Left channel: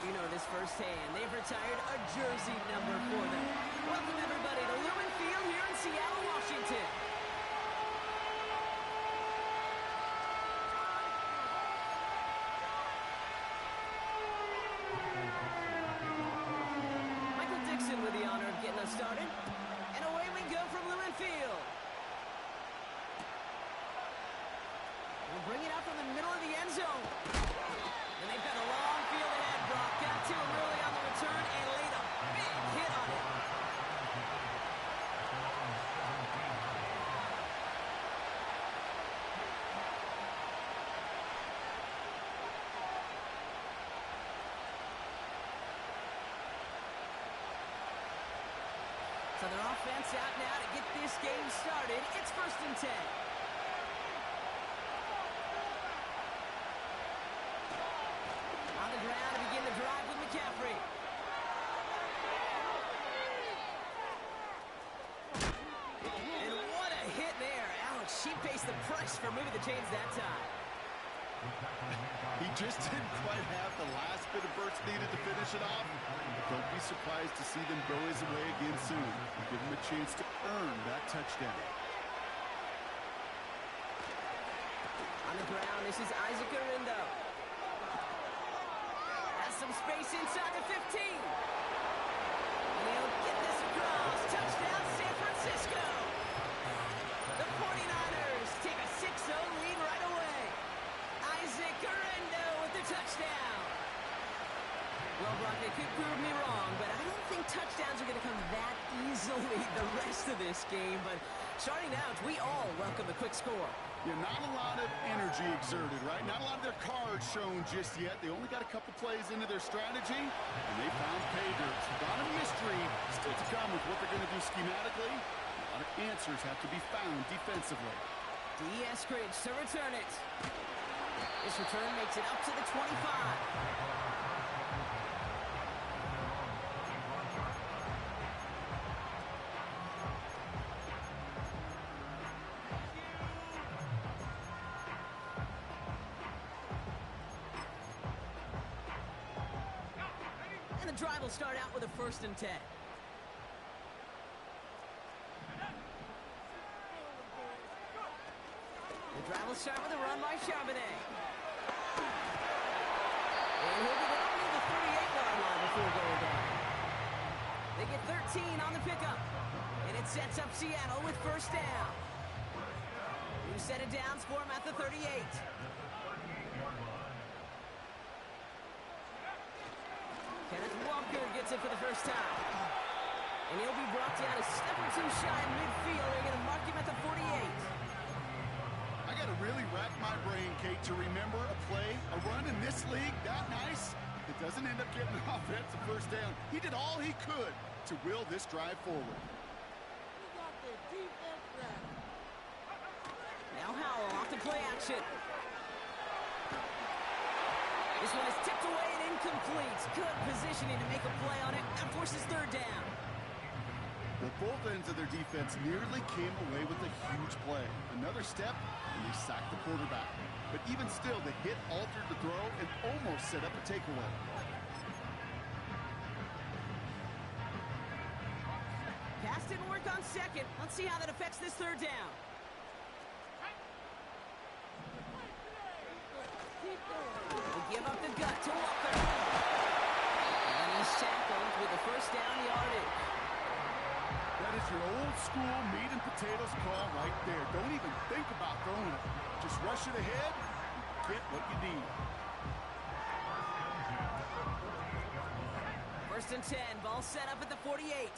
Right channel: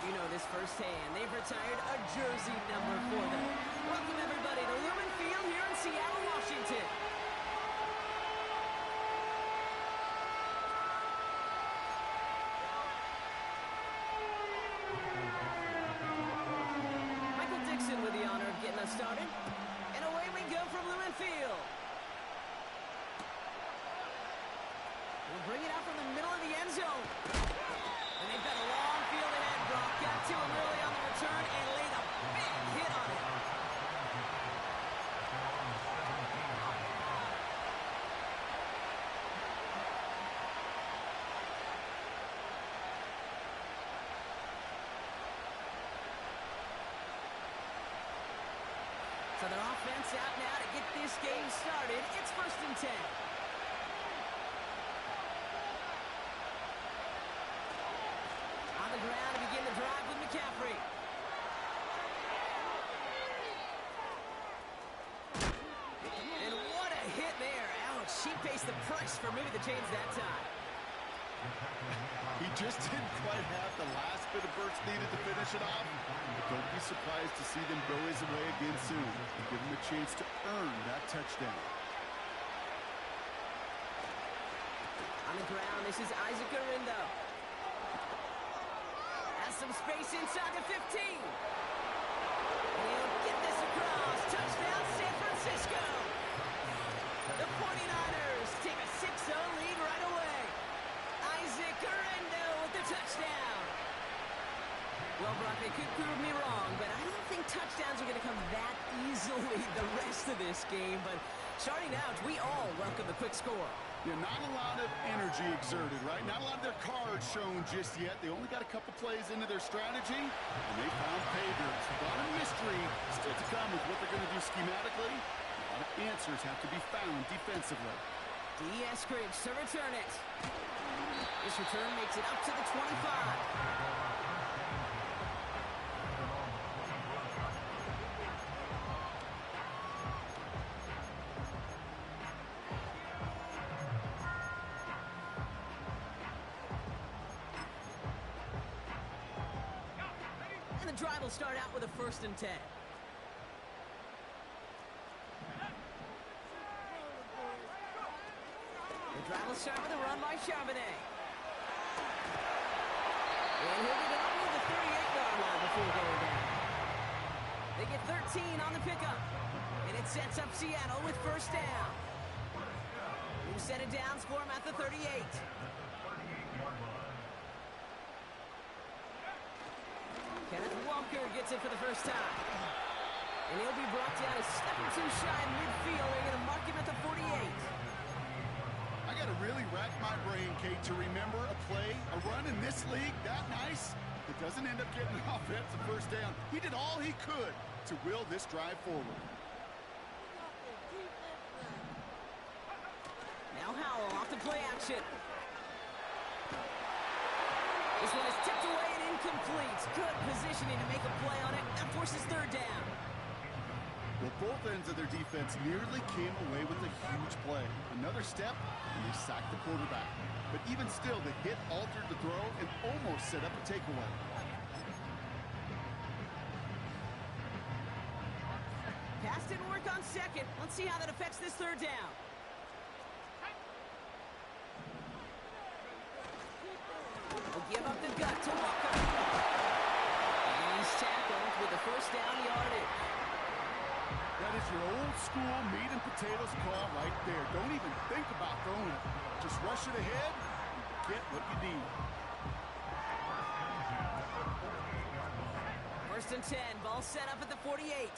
You know this firsthand. They've retired a jersey number for them. Welcome, everybody, to Lumen Field here in Seattle, Washington. Michael Dixon with the honor of getting us started. And away we go from Lumen Field. We'll bring it out from the middle of the end zone. And they've got a long field ahead. Brock got to him early on the return and laid a big hit on it. So their offense out now to get this game started. It's 1st and 10. On the ground to begin the drive with McCaffrey. And what a hit there. Ouch, she pays the price for moving the chains that time. He just didn't quite have the last bit of burst needed to finish it off. But don't be surprised to see them go his way again soon. Give him a chance to earn that touchdown. On the ground, this is Isaac Arindo. Has some space inside the 15. And he'll get this across. Touchdown, San Francisco. The 49ers take a 6-0 lead right away. Isaac Arindo with the touchdown. Well, Brock, they could prove me wrong, but I don't think touchdowns are going to come that easily the rest of this game. But starting out, we all welcome the quick score. Yeah, not a lot of energy exerted, right? Not a lot of their cards shown just yet. They only got a couple plays into their strategy, and they found pay dirt. A lot of mystery still to come with what they're going to do schematically. A lot of answers have to be found defensively. D. Eskridge to return it. This return makes it up to the 25. And the drive will start out with a 1st and 10. The drive will start with a run by Charbonnet. And he'll get it up near the 38-yard line before going down. They get 13 on the pickup. And it sets up Seattle with 1st down. New set of downs for him at the 38. Kenneth Walker gets it for the first time. And he'll be brought down a step or two shy of midfield. They're going to mark him at the 48. I got to really rack my brain, Kate, to remember a play, a run in this league that nice. It doesn't end up getting an offensive 1st down. He did all he could to will this drive forward. Now Howell off to play action. This one is tipped away and incomplete. Good positioning to make a play on it. That forces 3rd down. Well, both ends of their defense nearly came away with a huge play. Another step, and they sacked the quarterback. But even still, the hit altered the throw and almost set up a takeaway. Pass didn't work on 2nd. Let's see how that affects this 3rd down. We'll give up the gut to Walker. And he's tackled with the 1st down yardage. That is your old school meat and potatoes call right there. Don't even think about throwing it. Just rush it ahead and get what you need. 1st and 10. Ball set up at the 48.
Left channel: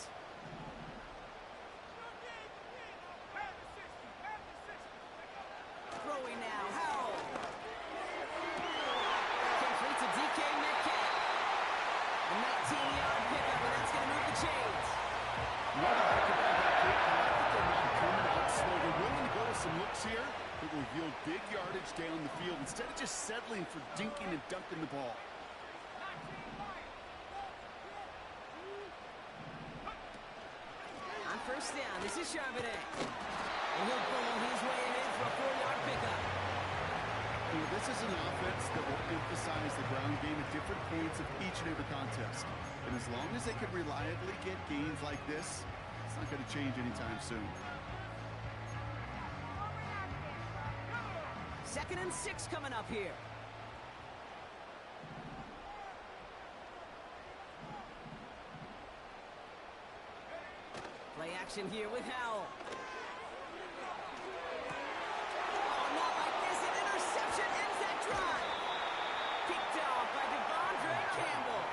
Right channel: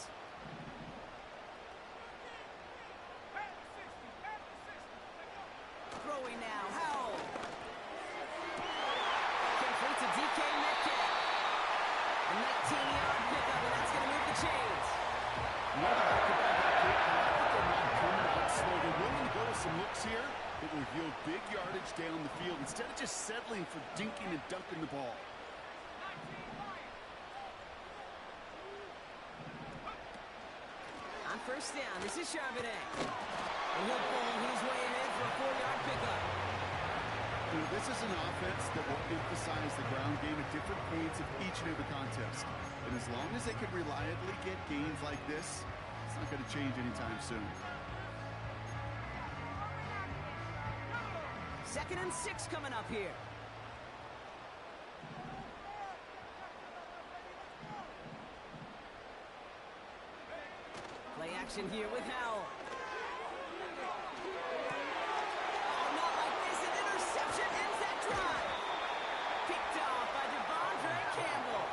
Throwing now. Howell. Complete to DK Metcalf. A 19-yard pickup, and that's going to move the chains. They're not coming out slow. They're willing to go with some looks here. It will yield big yardage down the field instead of just settling for dinking and dunking the ball. On 1st down, this is Charbonnet. And he'll pull his way ahead for a 4-yard pickup. This is an offense that will emphasize the ground game at different points of each and every contest. And as long as they can reliably get gains like this, it's not going to change anytime soon. 2nd and 6 coming up here. Play action here with Howell. Oh, not like this. An interception ends that drive. Picked off by Devondre Campbell.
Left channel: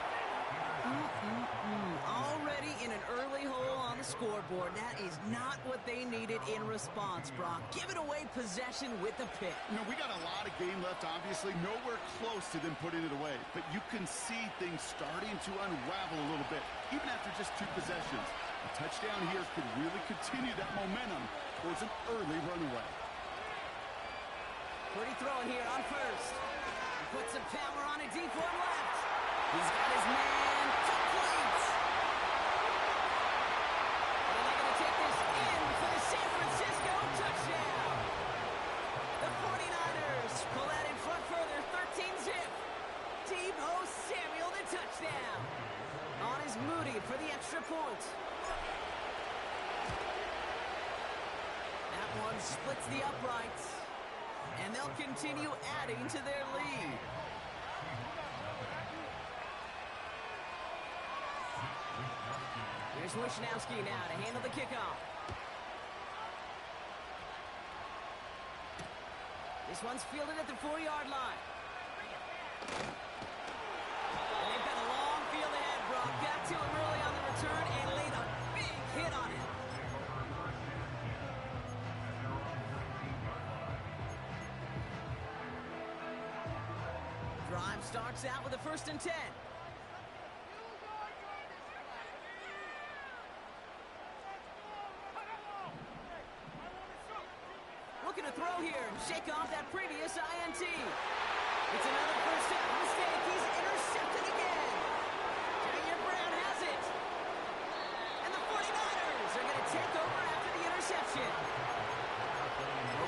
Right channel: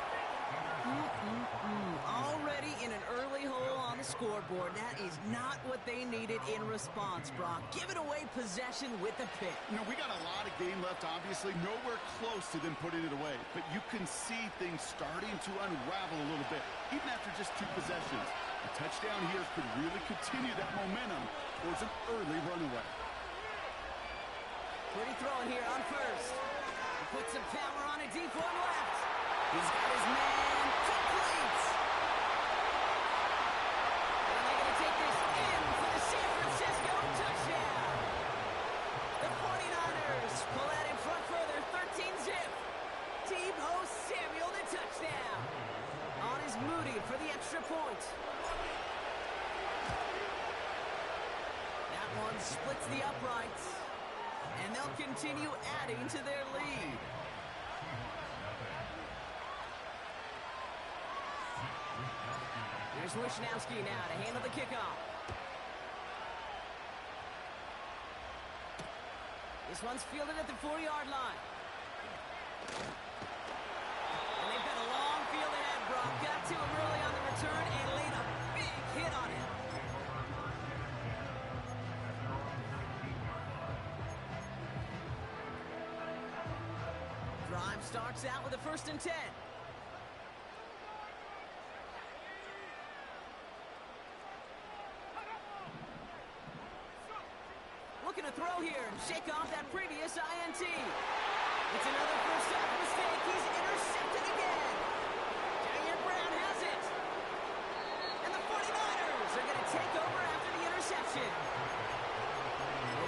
Already in an early hole on the scoreboard. That is not what they needed in response, Brock. Giving away possession with the pick. We got a lot of game left, obviously. Nowhere close to them putting it away. But you can see things starting to unravel a little bit, even after just 2 possessions. A touchdown here could really continue that momentum towards an early runaway. Pretty throwing here on first. He puts some power on it, deep one left. He's got his man complete. And they're going to take this in for the San Francisco touchdown. The 49ers pull that in front further, 13-zip. Deebo Samuel, the touchdown. On is Moody for the extra point. That one splits the uprights. And they'll continue adding to their lead. Here's Wishnowski now to handle the kickoff. This one's fielded at the 4-yard line. And they've got a long field ahead, Brock. Got to him early on the return and laid a big hit on him. Drive starts out with a 1st and 10. Looking to throw here and shake off that previous INT. It's another first half mistake. He's intercepted again. Jair Brown has it. And the 49ers are going to take over after the interception.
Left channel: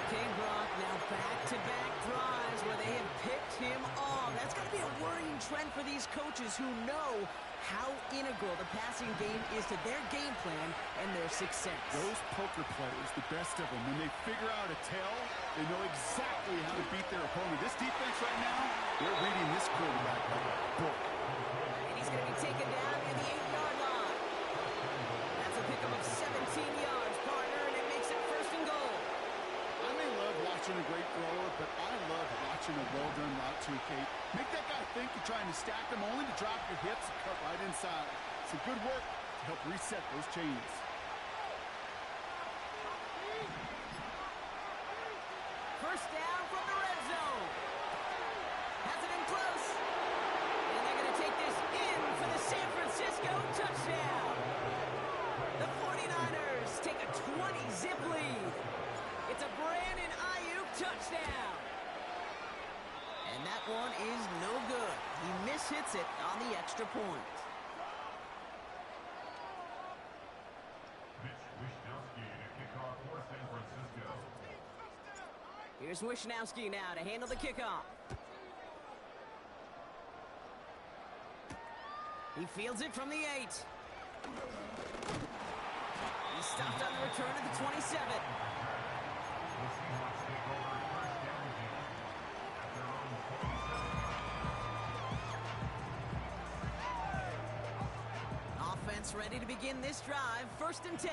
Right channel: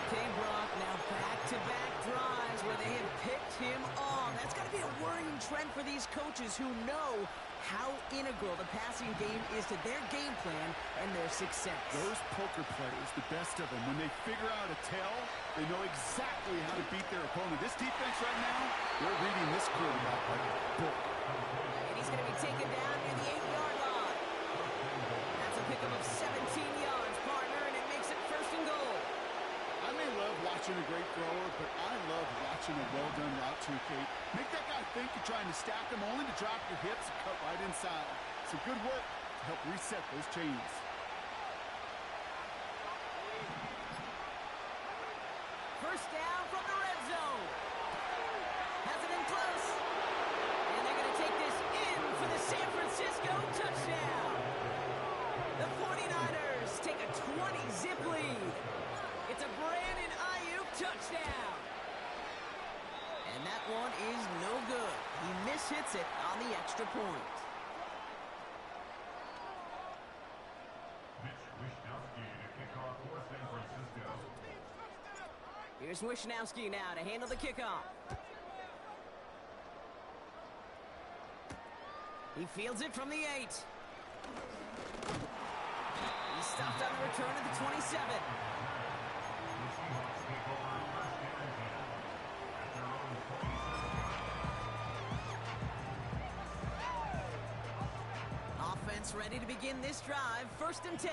Okay, Brock, now back-to-back drives where they have picked him off. That's got to be a worrying trend for these coaches who know how integral the passing game is to their game plan and their success. Those poker players, the best of them, when they figure out a tell, they know exactly how to beat their opponent. This defense right now, they're reading this quarterback like a book. And he's going to be taken down near the 8-yard line. That's a pickup of 17 yards, partner, and it makes it 1st and goal. I may love watching a great thrower, but I love watching a well-done route too, Kate. Make that guy think you're trying to stack him, only to drop your hips and cut right inside. Some good work to help reset those chains. First down from the red zone. Has it in close. And they're going to take this in for the San Francisco touchdown. The 49ers take a 20-zip lead. It's a Brandon Ayuk touchdown. And that one is no good. He mishits it on the extra point. Mitch Wishnowski to kick off for San Francisco. Here's Wishnowski now to handle the kickoff. He fields it from the 8. He's stopped on the return at the 27. The Seahawks take over 1st down again at their own 27. Offense ready to begin this drive. 1st and 10.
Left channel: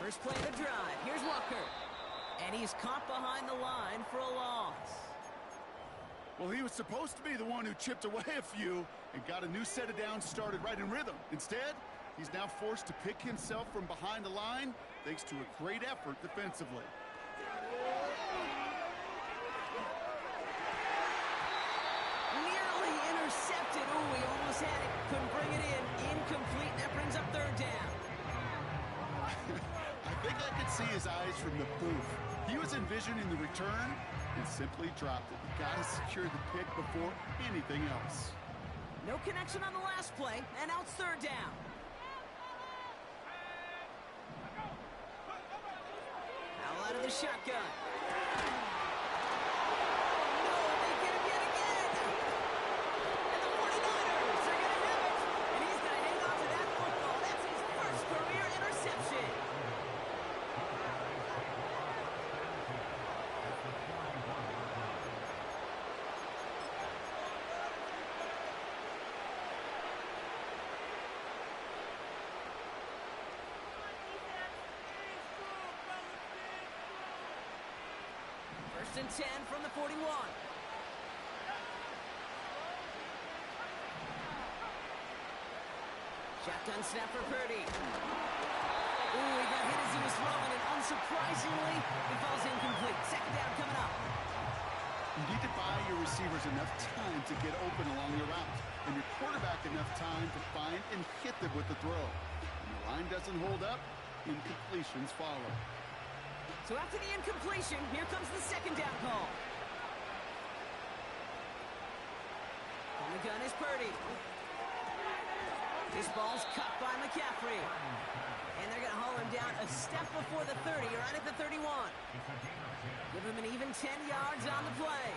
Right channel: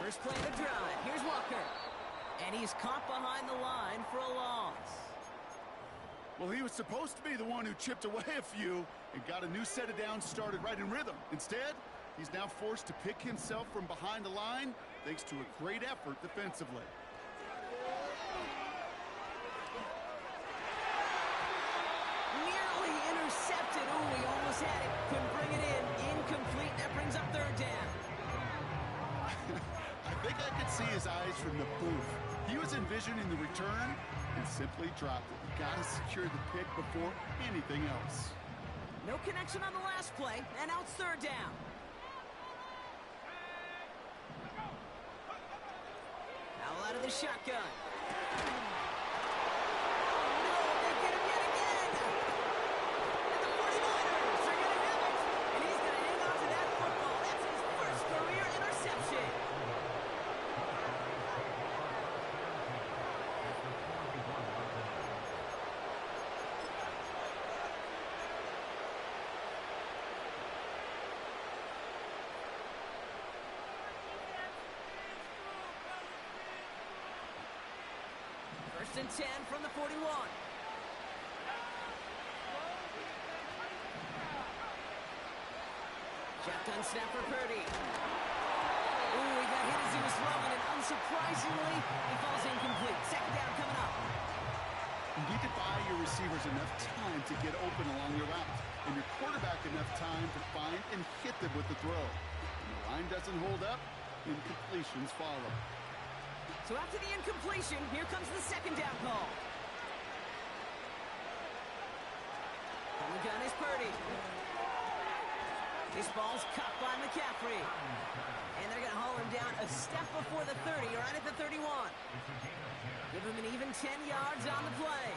First play of the drive. Here's Walker. And he's caught behind the line for a loss. Well, he was supposed to be the one who chipped away a few and got a new set of downs started right in rhythm. Instead, he's now forced to pick himself from behind the line thanks to a great effort defensively. Nearly intercepted. Oh, he almost had it. Couldn't bring it in. Incomplete. That brings up 3rd down. I think I could see his eyes from the booth. He was envisioning the return and simply dropped it. You got to secure the pick before anything else. No connection on the last play, and now it's 3rd down. out of the shotgun. No, they get him yet again. And the 49ers are going to have it. And he's going to hang on to that football. That's his first career interception. First and 10 from the 41. Shotgun snap for Purdy. Ooh, he got hit as he was throwing, and unsurprisingly, it falls incomplete. Second down coming up. You need to buy your receivers enough time to get open along your route, and your quarterback enough time to find and hit them with the throw. When the line doesn't hold up, incompletions follow. So after the incompletion, here comes the second down call. On the gun is Purdy. This ball's cut by McCaffrey. And they're going to haul him down a step before the 30, right at the 31. Give him an even 10 yards on the play.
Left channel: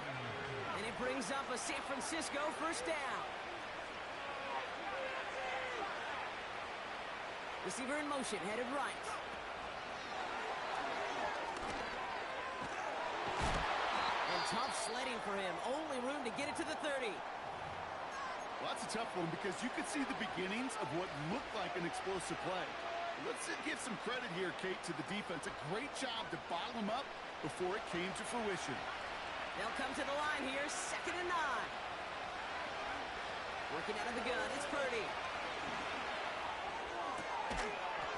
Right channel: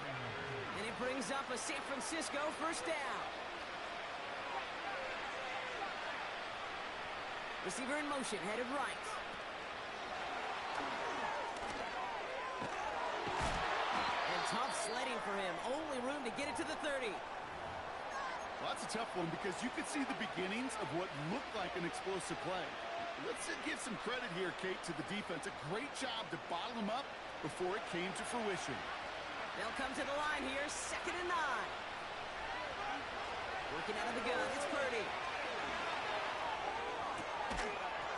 And it brings up a San Francisco first down. Receiver in motion, headed right. And tough sledding for him. Only room to get it to the 30. Well, that's a tough one because you could see the beginnings of what looked like an explosive play. Let's give some credit here, Kate, to the defense. A great job to bottle him up before it came to fruition. They'll come to the line here, 2nd and 9. Working out of the gun, it's Purdy.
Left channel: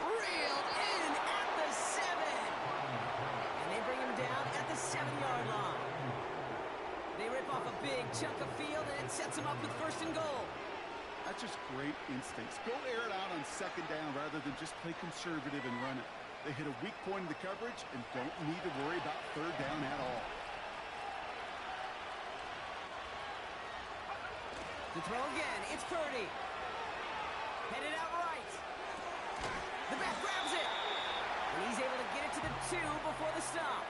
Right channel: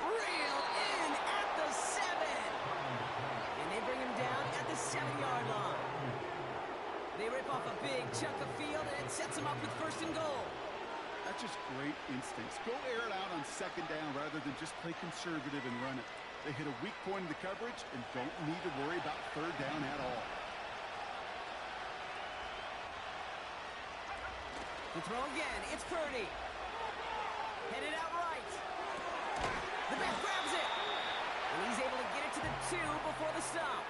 Reeled in at the 7. And they bring him down at the 7-yard line. They rip off a big chunk of field, and it sets them up with 1st and goal. That's just great instincts. Go air it out on 2nd down rather than just play conservative and run it. They hit a weak point in the coverage and don't need to worry about 3rd down at all. To throw again, it's Purdy. Headed out right. The back grabs it. And he's able to get it to the 2 before the stop.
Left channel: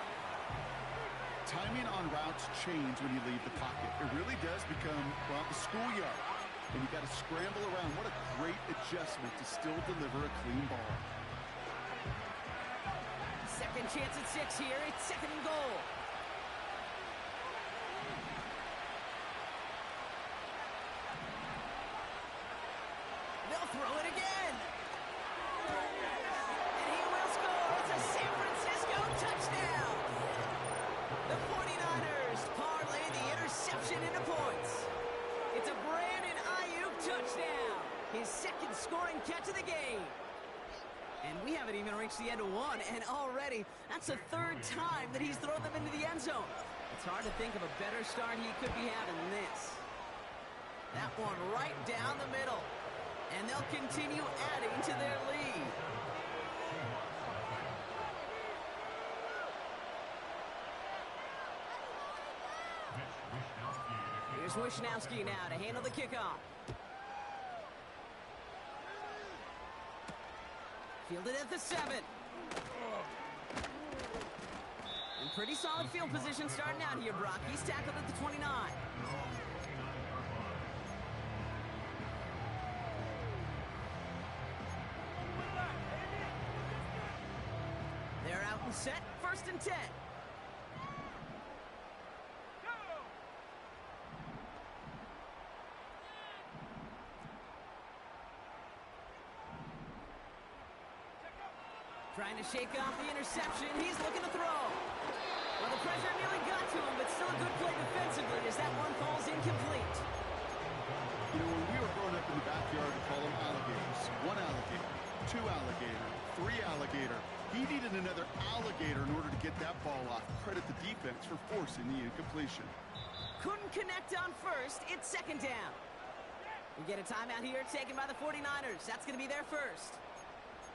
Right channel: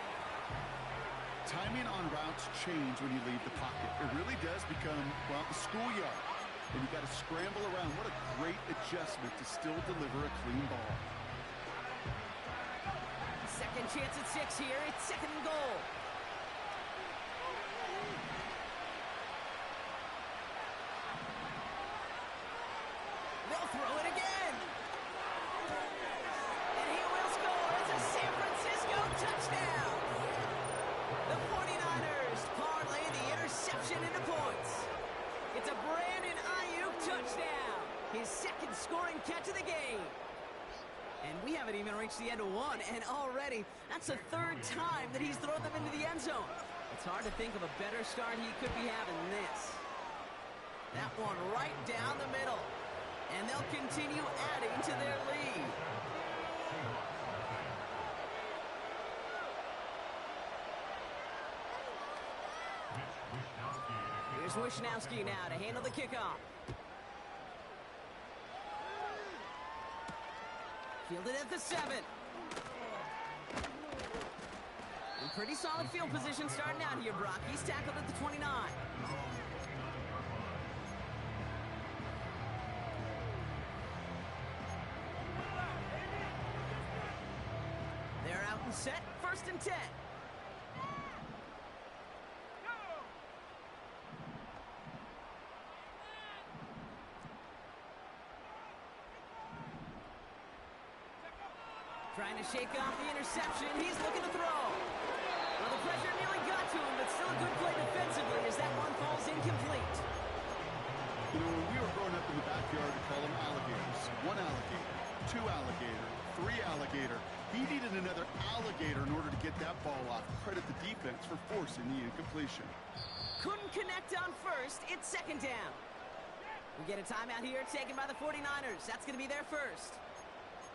Timing on routes change when you leave the pocket. It really does become, well, the schoolyard. And you got to scramble around. What a great adjustment to still deliver a clean ball. Second chance at 6 here. It's 2nd and goal. They'll throw it again. And he will score. It's a San Francisco touchdown. The 49ers parlay the interception into points. It's a Brandon Ayuk touchdown. His 2nd scoring catch of the game. And we haven't even reached the end of 1, and already that's the 3rd time that he's thrown them into the end zone. It's hard to think of a better start he could be having than this. That one right down the middle. And they'll continue adding to their lead. Here's Wishnowski now to handle the kickoff. Fielded at the 7. And pretty solid field position starting out here, Brock. He's tackled at the 29. They're out and set. 1st and 10. Trying to shake off the interception. He's looking to throw. Well, the pressure nearly got to him, but still a good play defensively as that one falls incomplete. You know, when we were growing up in the backyard, we call them alligators. 1 alligator, 2 alligator, 3 alligator. He needed another alligator in order to get that ball off. Credit the defense for forcing the incompletion. Couldn't connect on 1st. It's 2nd down. We get a timeout here taken by the 49ers. That's going to be their 1st.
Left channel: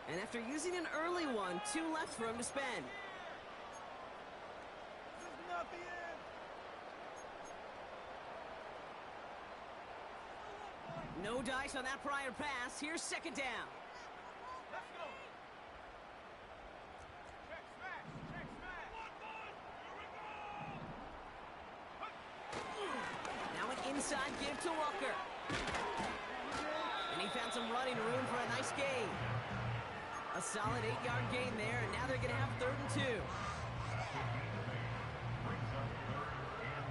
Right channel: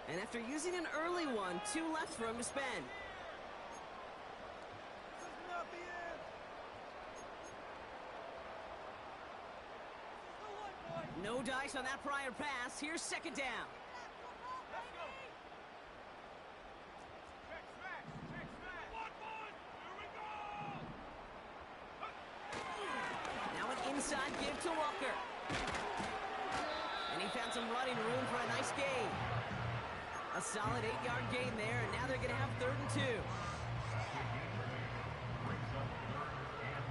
And after using an early one, 2 left for him to spend. This is not the end. No dice on that prior pass. Here's 2nd down. Let's go. Check smash. Check smash. inside give to Walker. And he found some running room for a nice gain. A solid 8-yard gain there, and now they're going to have 3rd and 2. Brings up 3rd and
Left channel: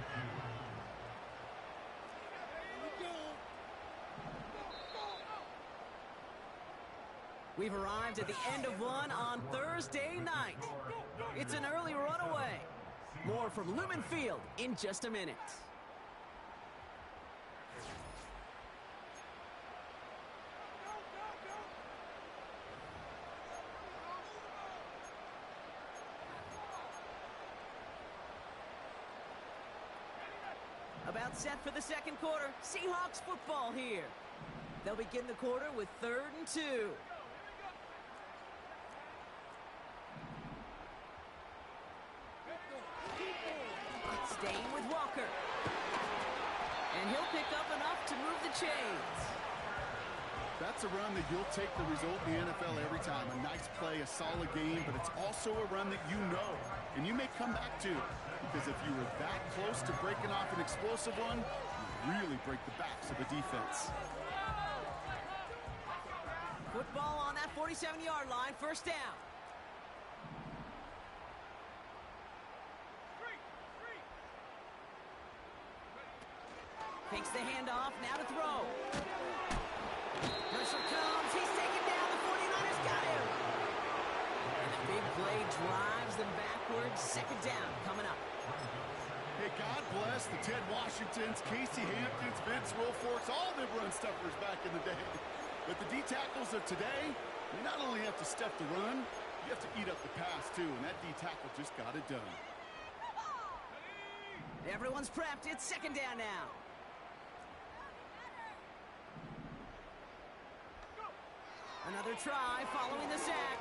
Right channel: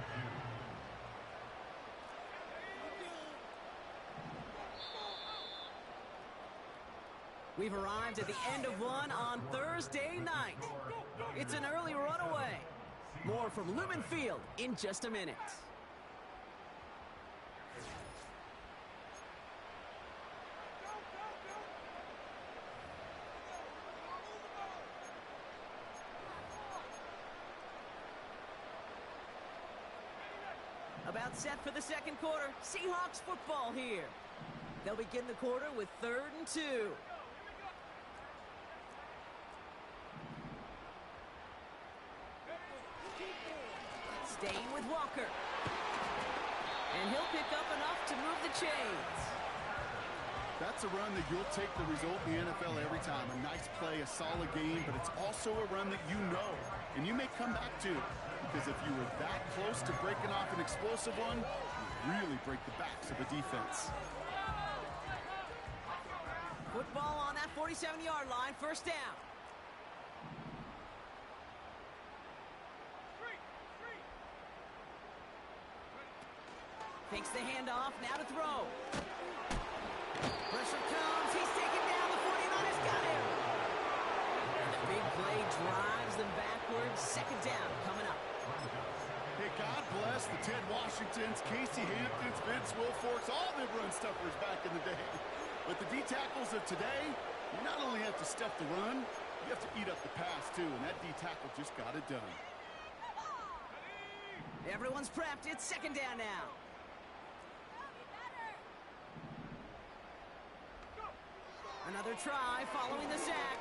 2. We've arrived at the end of one on Thursday night. It's an early runaway. More from Lumen Field in just a minute. About set for the second quarter. Seahawks football here. They'll begin the quarter with 3rd and 2. Staying with Walker. And he'll pick up enough to move the chains. That's a run that you'll take the result in the NFL every time. A nice play, a solid game, but it's also a run that you know, and you may come back to. Because if you were that close to breaking off an explosive one, you really break the backs of the defense. Football on that 47-yard line, 1st down. Takes the handoff, now to throw. Pressure comes, he's taken down, the 49ers got him. And the big play drives them backwards. 2nd down coming up. Hey, God bless the Ted Washingtons, Casey Hamptons, Vince Wilforks, all them run stuffers back in the day. But the D-tackles of today, you not only have to stuff the run, you have to eat up the pass too, and that D-tackle just got it done. Everyone's prepped, it's 2nd down now. Another try following the sack.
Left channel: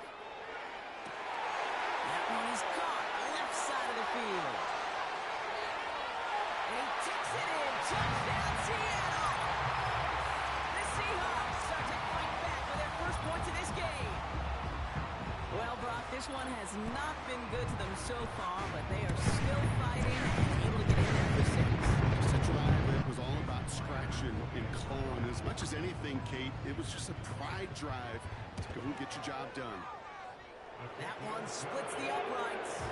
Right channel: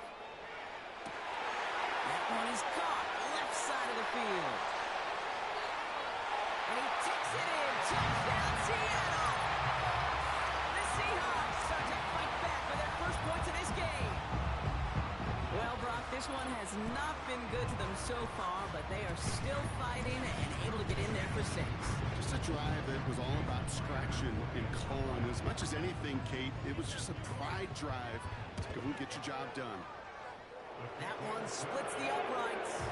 That one is caught, left side of the field. And he takes it in. Touchdown, Seattle! The Seahawks start to fight back for their first points of this game. Well, Brock, this one has not been good to them so far, but they are still fighting and able to get in there for 6. Just a drive that was all about scratching and clawing. As much as anything, Kate, it was just a pride drive to go and get your job done. That one splits the uprights.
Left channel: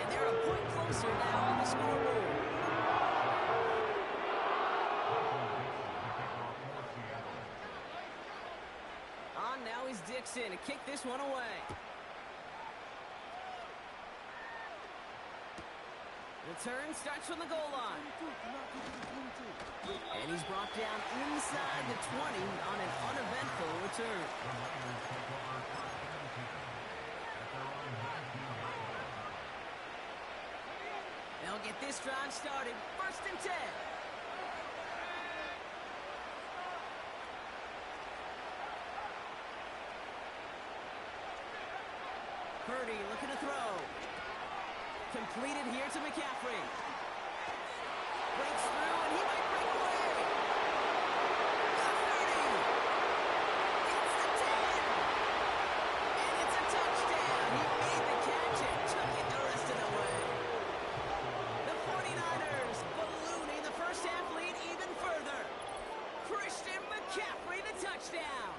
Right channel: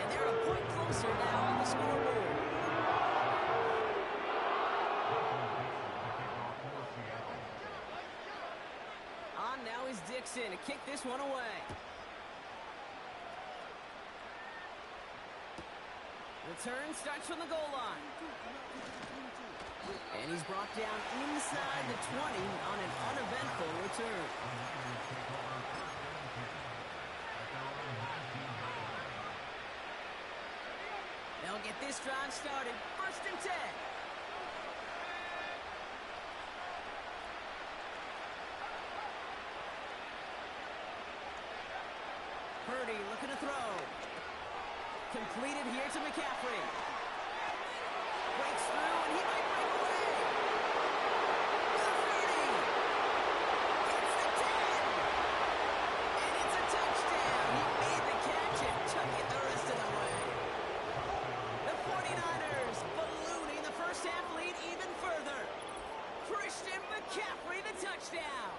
And they're a point closer now on the scoreboard. On now is Dixon to kick this one away. Return starts from the goal line. And he's brought down inside the 20 on an uneventful return. They'll get this drive started. 1st and 10. Purdy looking to throw. Completed here to McCaffrey. Breaks through, and he might break away. The 30. It's the 10. And it's a touchdown. He made the catch and took it the rest of the way. The 49ers ballooning the first half lead even further. Christian McCaffrey, the touchdown.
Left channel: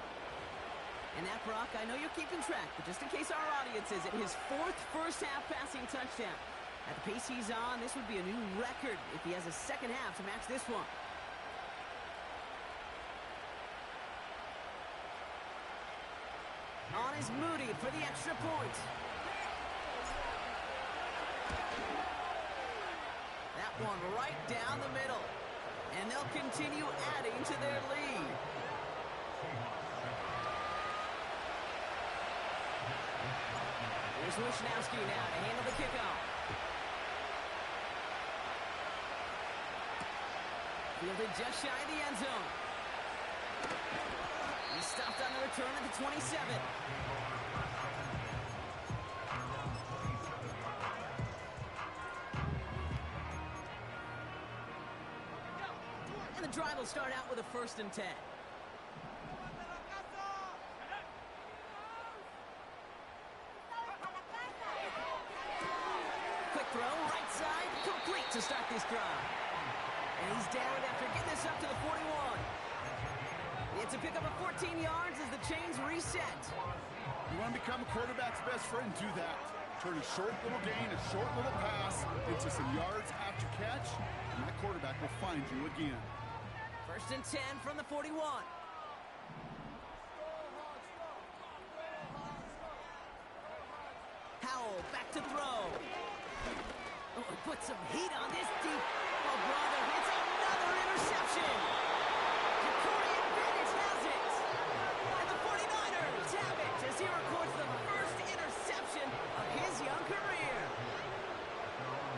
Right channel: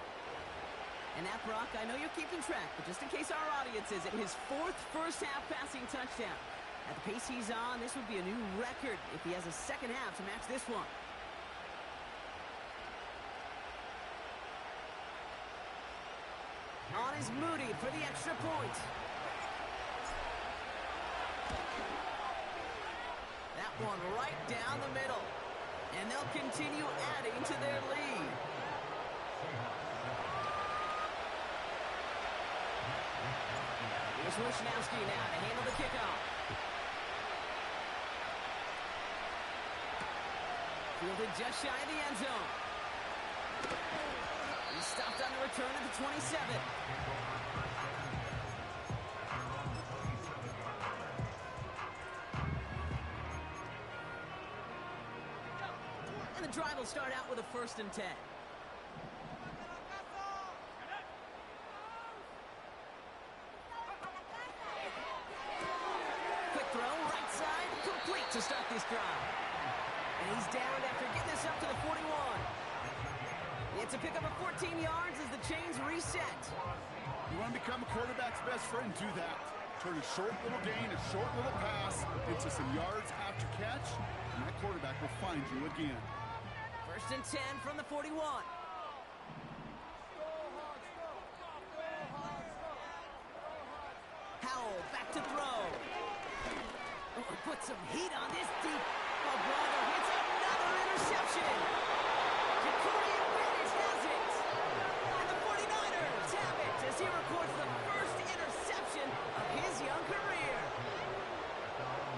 And that, Brock, I know you're keeping track, but just in case our audience isn't, his 4th first-half passing touchdown. At the pace he's on, this would be a new record if he has a second half to match this one. On is Moody for the extra point. That one right down the middle. And they'll continue adding to their lead. Here's Wishnowski now to handle the kickoff. Fielded just shy of the end zone. He's stopped on the return at the 27. And the drive will start out with a 1st and 10. Quick throw, right side, complete to start this drive. And he's down after getting this up to the 41. It's a pickup of 14 yards as the chains reset. You want to become a quarterback's best friend, do that. Turn a short little gain, a short little pass into some yards after catch, and that quarterback will find you again. 1st and 10 from the 41. Howell back to throw. Oh, put some heat on this deep. Oh, brother, it's another interception. Jacorian Bennett has it. And the 49ers have it as he records the first interception of his young career.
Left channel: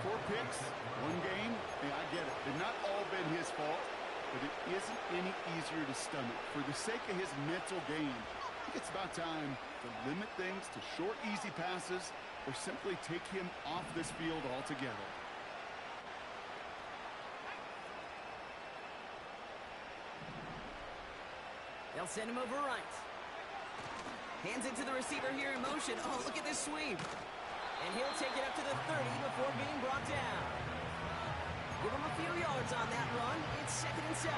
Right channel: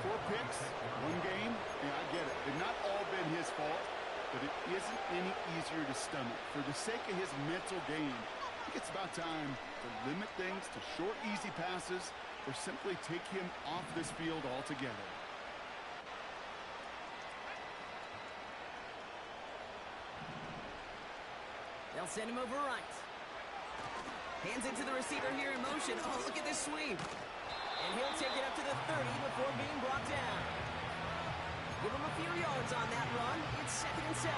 4 picks, 1 game. Yeah, I get it. It's not all been his fault, but it isn't any easier to stomach. For the sake of his mental game, I think it's about time to limit things to short, easy passes or simply take him off this field altogether. They'll send him over right. Hands it to the receiver here in motion. Oh, look at this sweep. And he'll take it up to the 30 before being brought down. Give him a few yards on that run. It's 2nd and 7.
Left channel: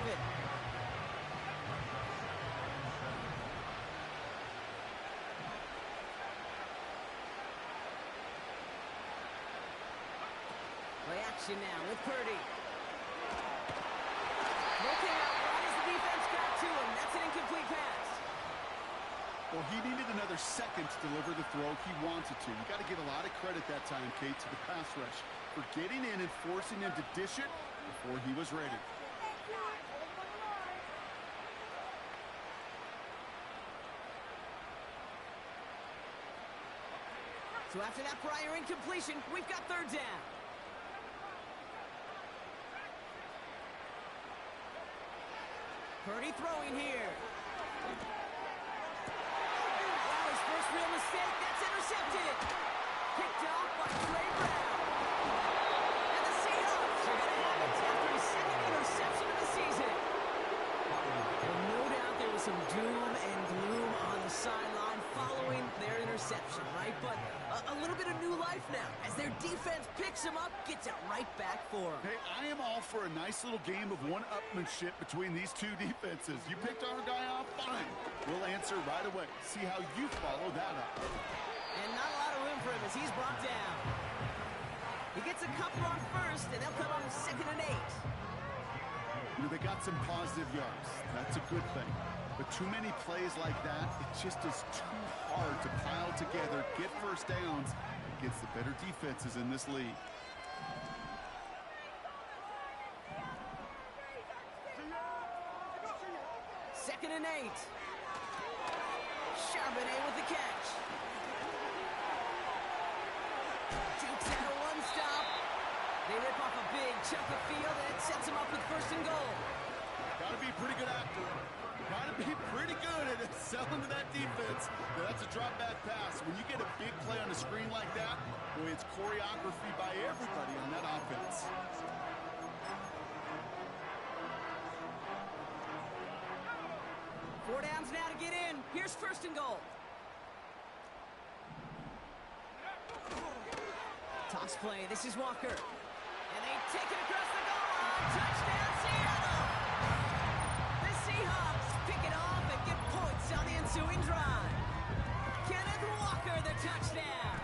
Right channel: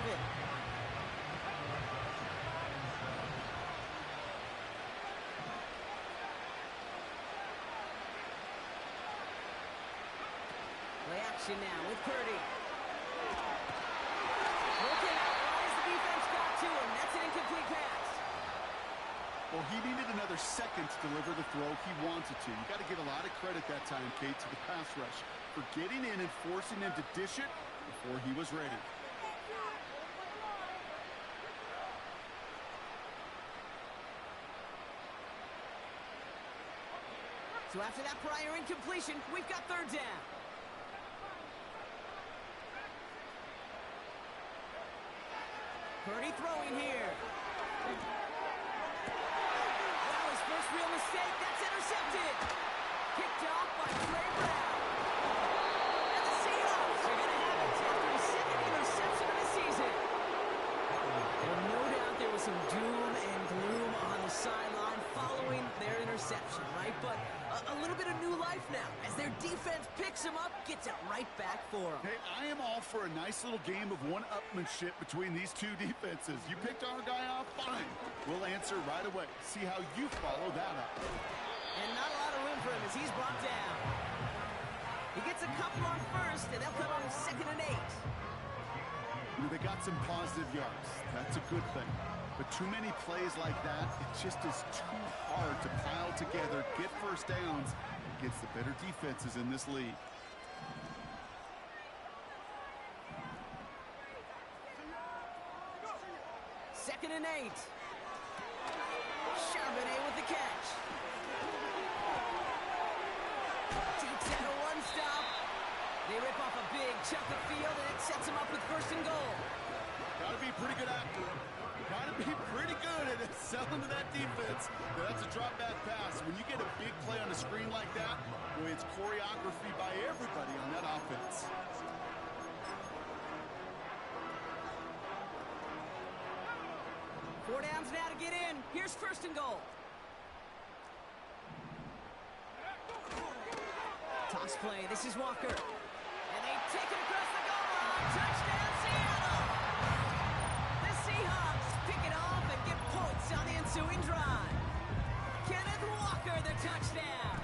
Play action now with Purdy. Broken out right as the defense got to him. That's an incomplete pass. Well, he needed another second to deliver the throw he wanted to. You got to give a lot of credit that time, Kate, to the pass rush for getting in and forcing him to dish it before he was ready. So after that prior incompletion, we've got 3rd down. Purdy throwing here. Wow, his first real mistake. That's intercepted. Picked off by Trey Brown. And the Seahawks are going to have it after his 2nd interception of the season. Well, no doubt there was some doom and gloom on the sideline following their interception, right? But a little bit of new life now as their defense picks him up, gets it right back for him. Hey, I am all for a nice little game of one-upmanship between these two defenses. You picked our guy off, fine. We'll answer right away. See how you follow that up. And not a lot of room for him as he's brought down. He gets a couple on 1st, and they'll come on 2nd and 8. You know, they got some positive yards. That's a good thing. But too many plays like that, it just is too hard to pile together, get first downs against the better defenses in this league. Second and 8. Charbonnet with the catch. Jukes out a 1-stop. They rip off a big chunk of field, and it sets them up with 1st and goal. Got to be a pretty good actor. Got to be pretty good at selling to that defense. Now, that's a drop back pass. When you get a big play on the screen like that, boy, it's choreography by everybody on that offense. Four downs now to get in. Here's 1st and goal. Toss play. This is Walker. And they take it across the goal line. Touchdown, Seattle! The Seahawks pick it off and get points on the ensuing drive. Kenneth Walker, the touchdown.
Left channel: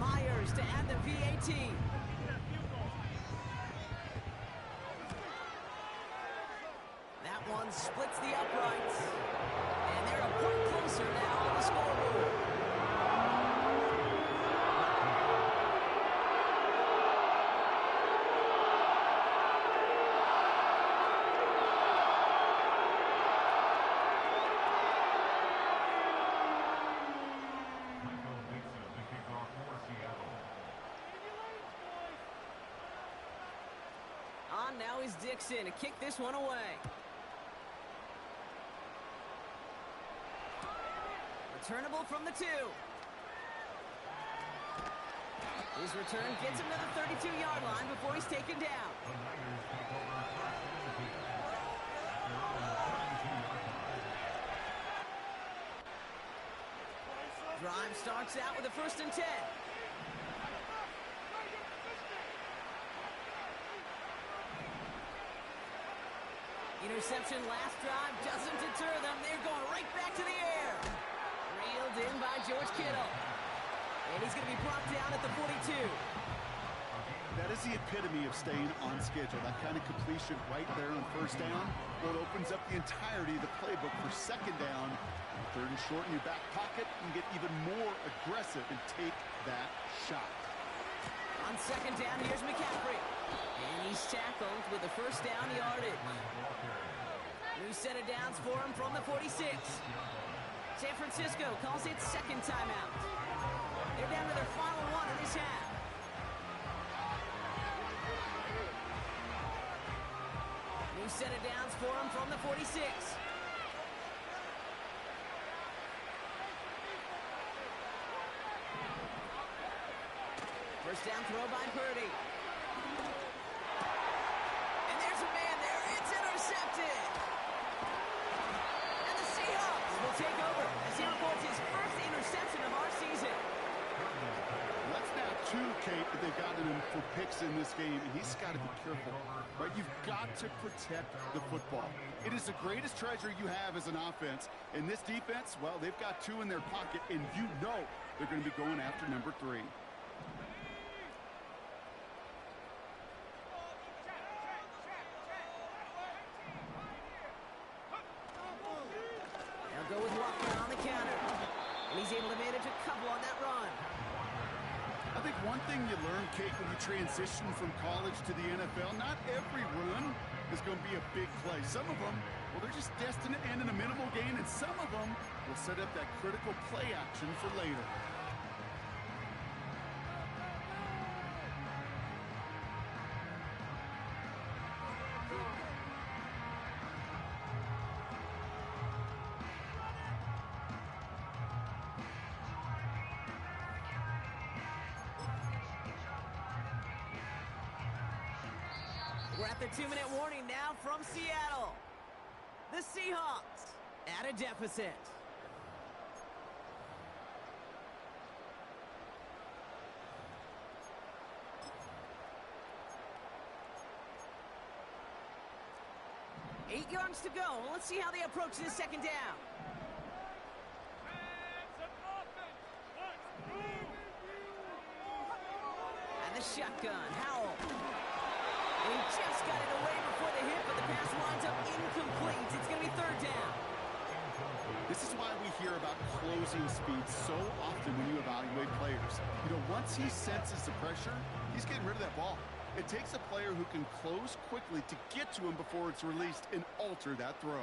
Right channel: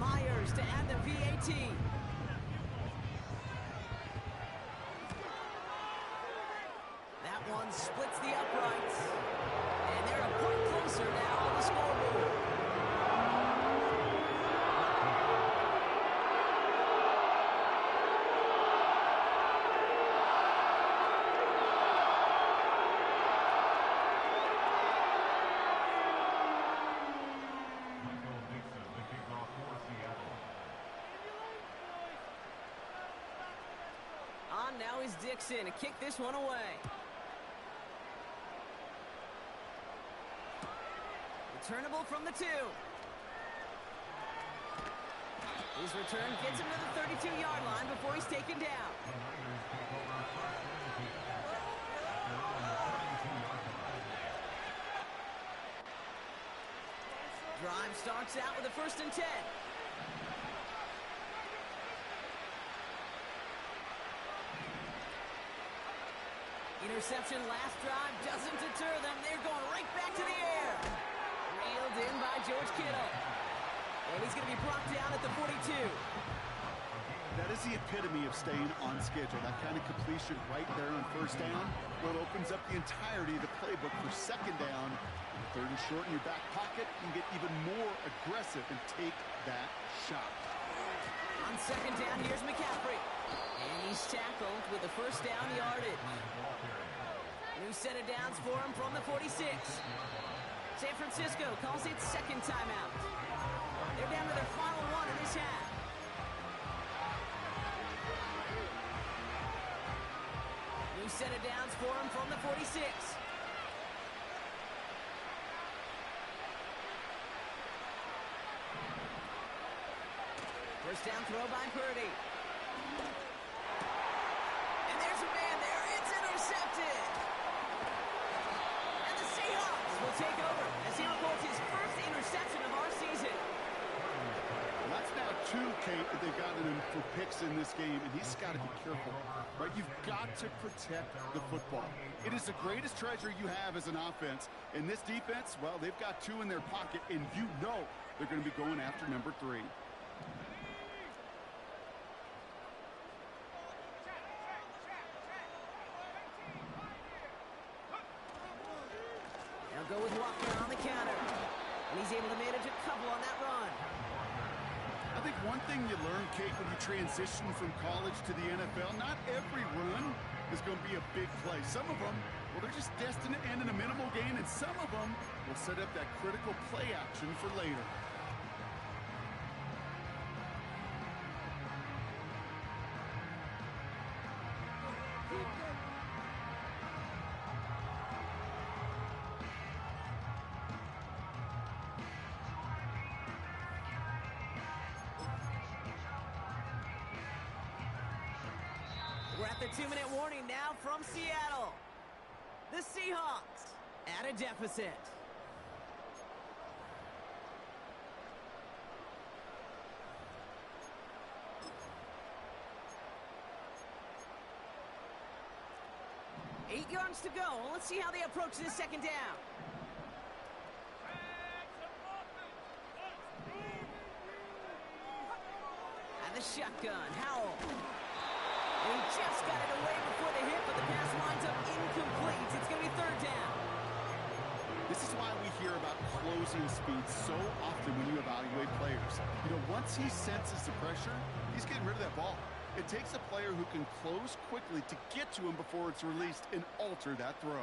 Myers to add the PAT. That one splits the uprights. And they're a point closer now on the scoreboard. Michael Dixon, the kickoff for Seattle. On now is Dixon to kick this one away. Returnable from the 2. His return gets him to the 32-yard line before he's taken down. The Niners take over 1st and 10. They're on the 32-yard line. Drive starts out with a 1st and 10. Interception last drive doesn't deter them. They're going right back to the air. Reeled in by George Kittle. And he's going to be brought down at the 42. That is the epitome of staying on schedule. That kind of completion right there on first down. Well, it opens up the entirety of the playbook for second down. Third and short in your back pocket. You can get even more aggressive and take that shot. On second down, here's McCaffrey. And he's tackled with a first down yardage. New set of downs for him from the 46. San Francisco calls it second timeout. They're down to their final one in this half. New set of downs for him from the 46. First down throw by Purdy. And there's a man there. It's intercepted. And the Seahawks will take over as he records his first interception of our season. Well, that's now two, Kate, that they've gotten him for picks in this game, and he's got to be careful, right? You've got to protect the football. It is the greatest treasure you have as an offense. And this defense, well, they've got two in their pocket, and you know they're going to be going after number 3. Go with Walker on the counter. And he's able to manage a couple on that run. I think one thing you learn, Kate, when you transition from college to the NFL, not every run is going to be a big play. Some of them, well, they're just destined to end in a minimal gain, and some of them will set up that critical play action for later. We're at the 2-minute warning now from Seattle. The Seahawks at a deficit. Eight yards to go. Let's see how they approach this second down. And the shotgun, Howell. And he just got it away before the hit, but the pass winds up incomplete. It's going to be third down. This is why we hear about closing speed so often when you evaluate players. You know, once he senses the pressure, he's getting rid of that ball. It takes a player who can close quickly to get to him before it's released and alter that throw.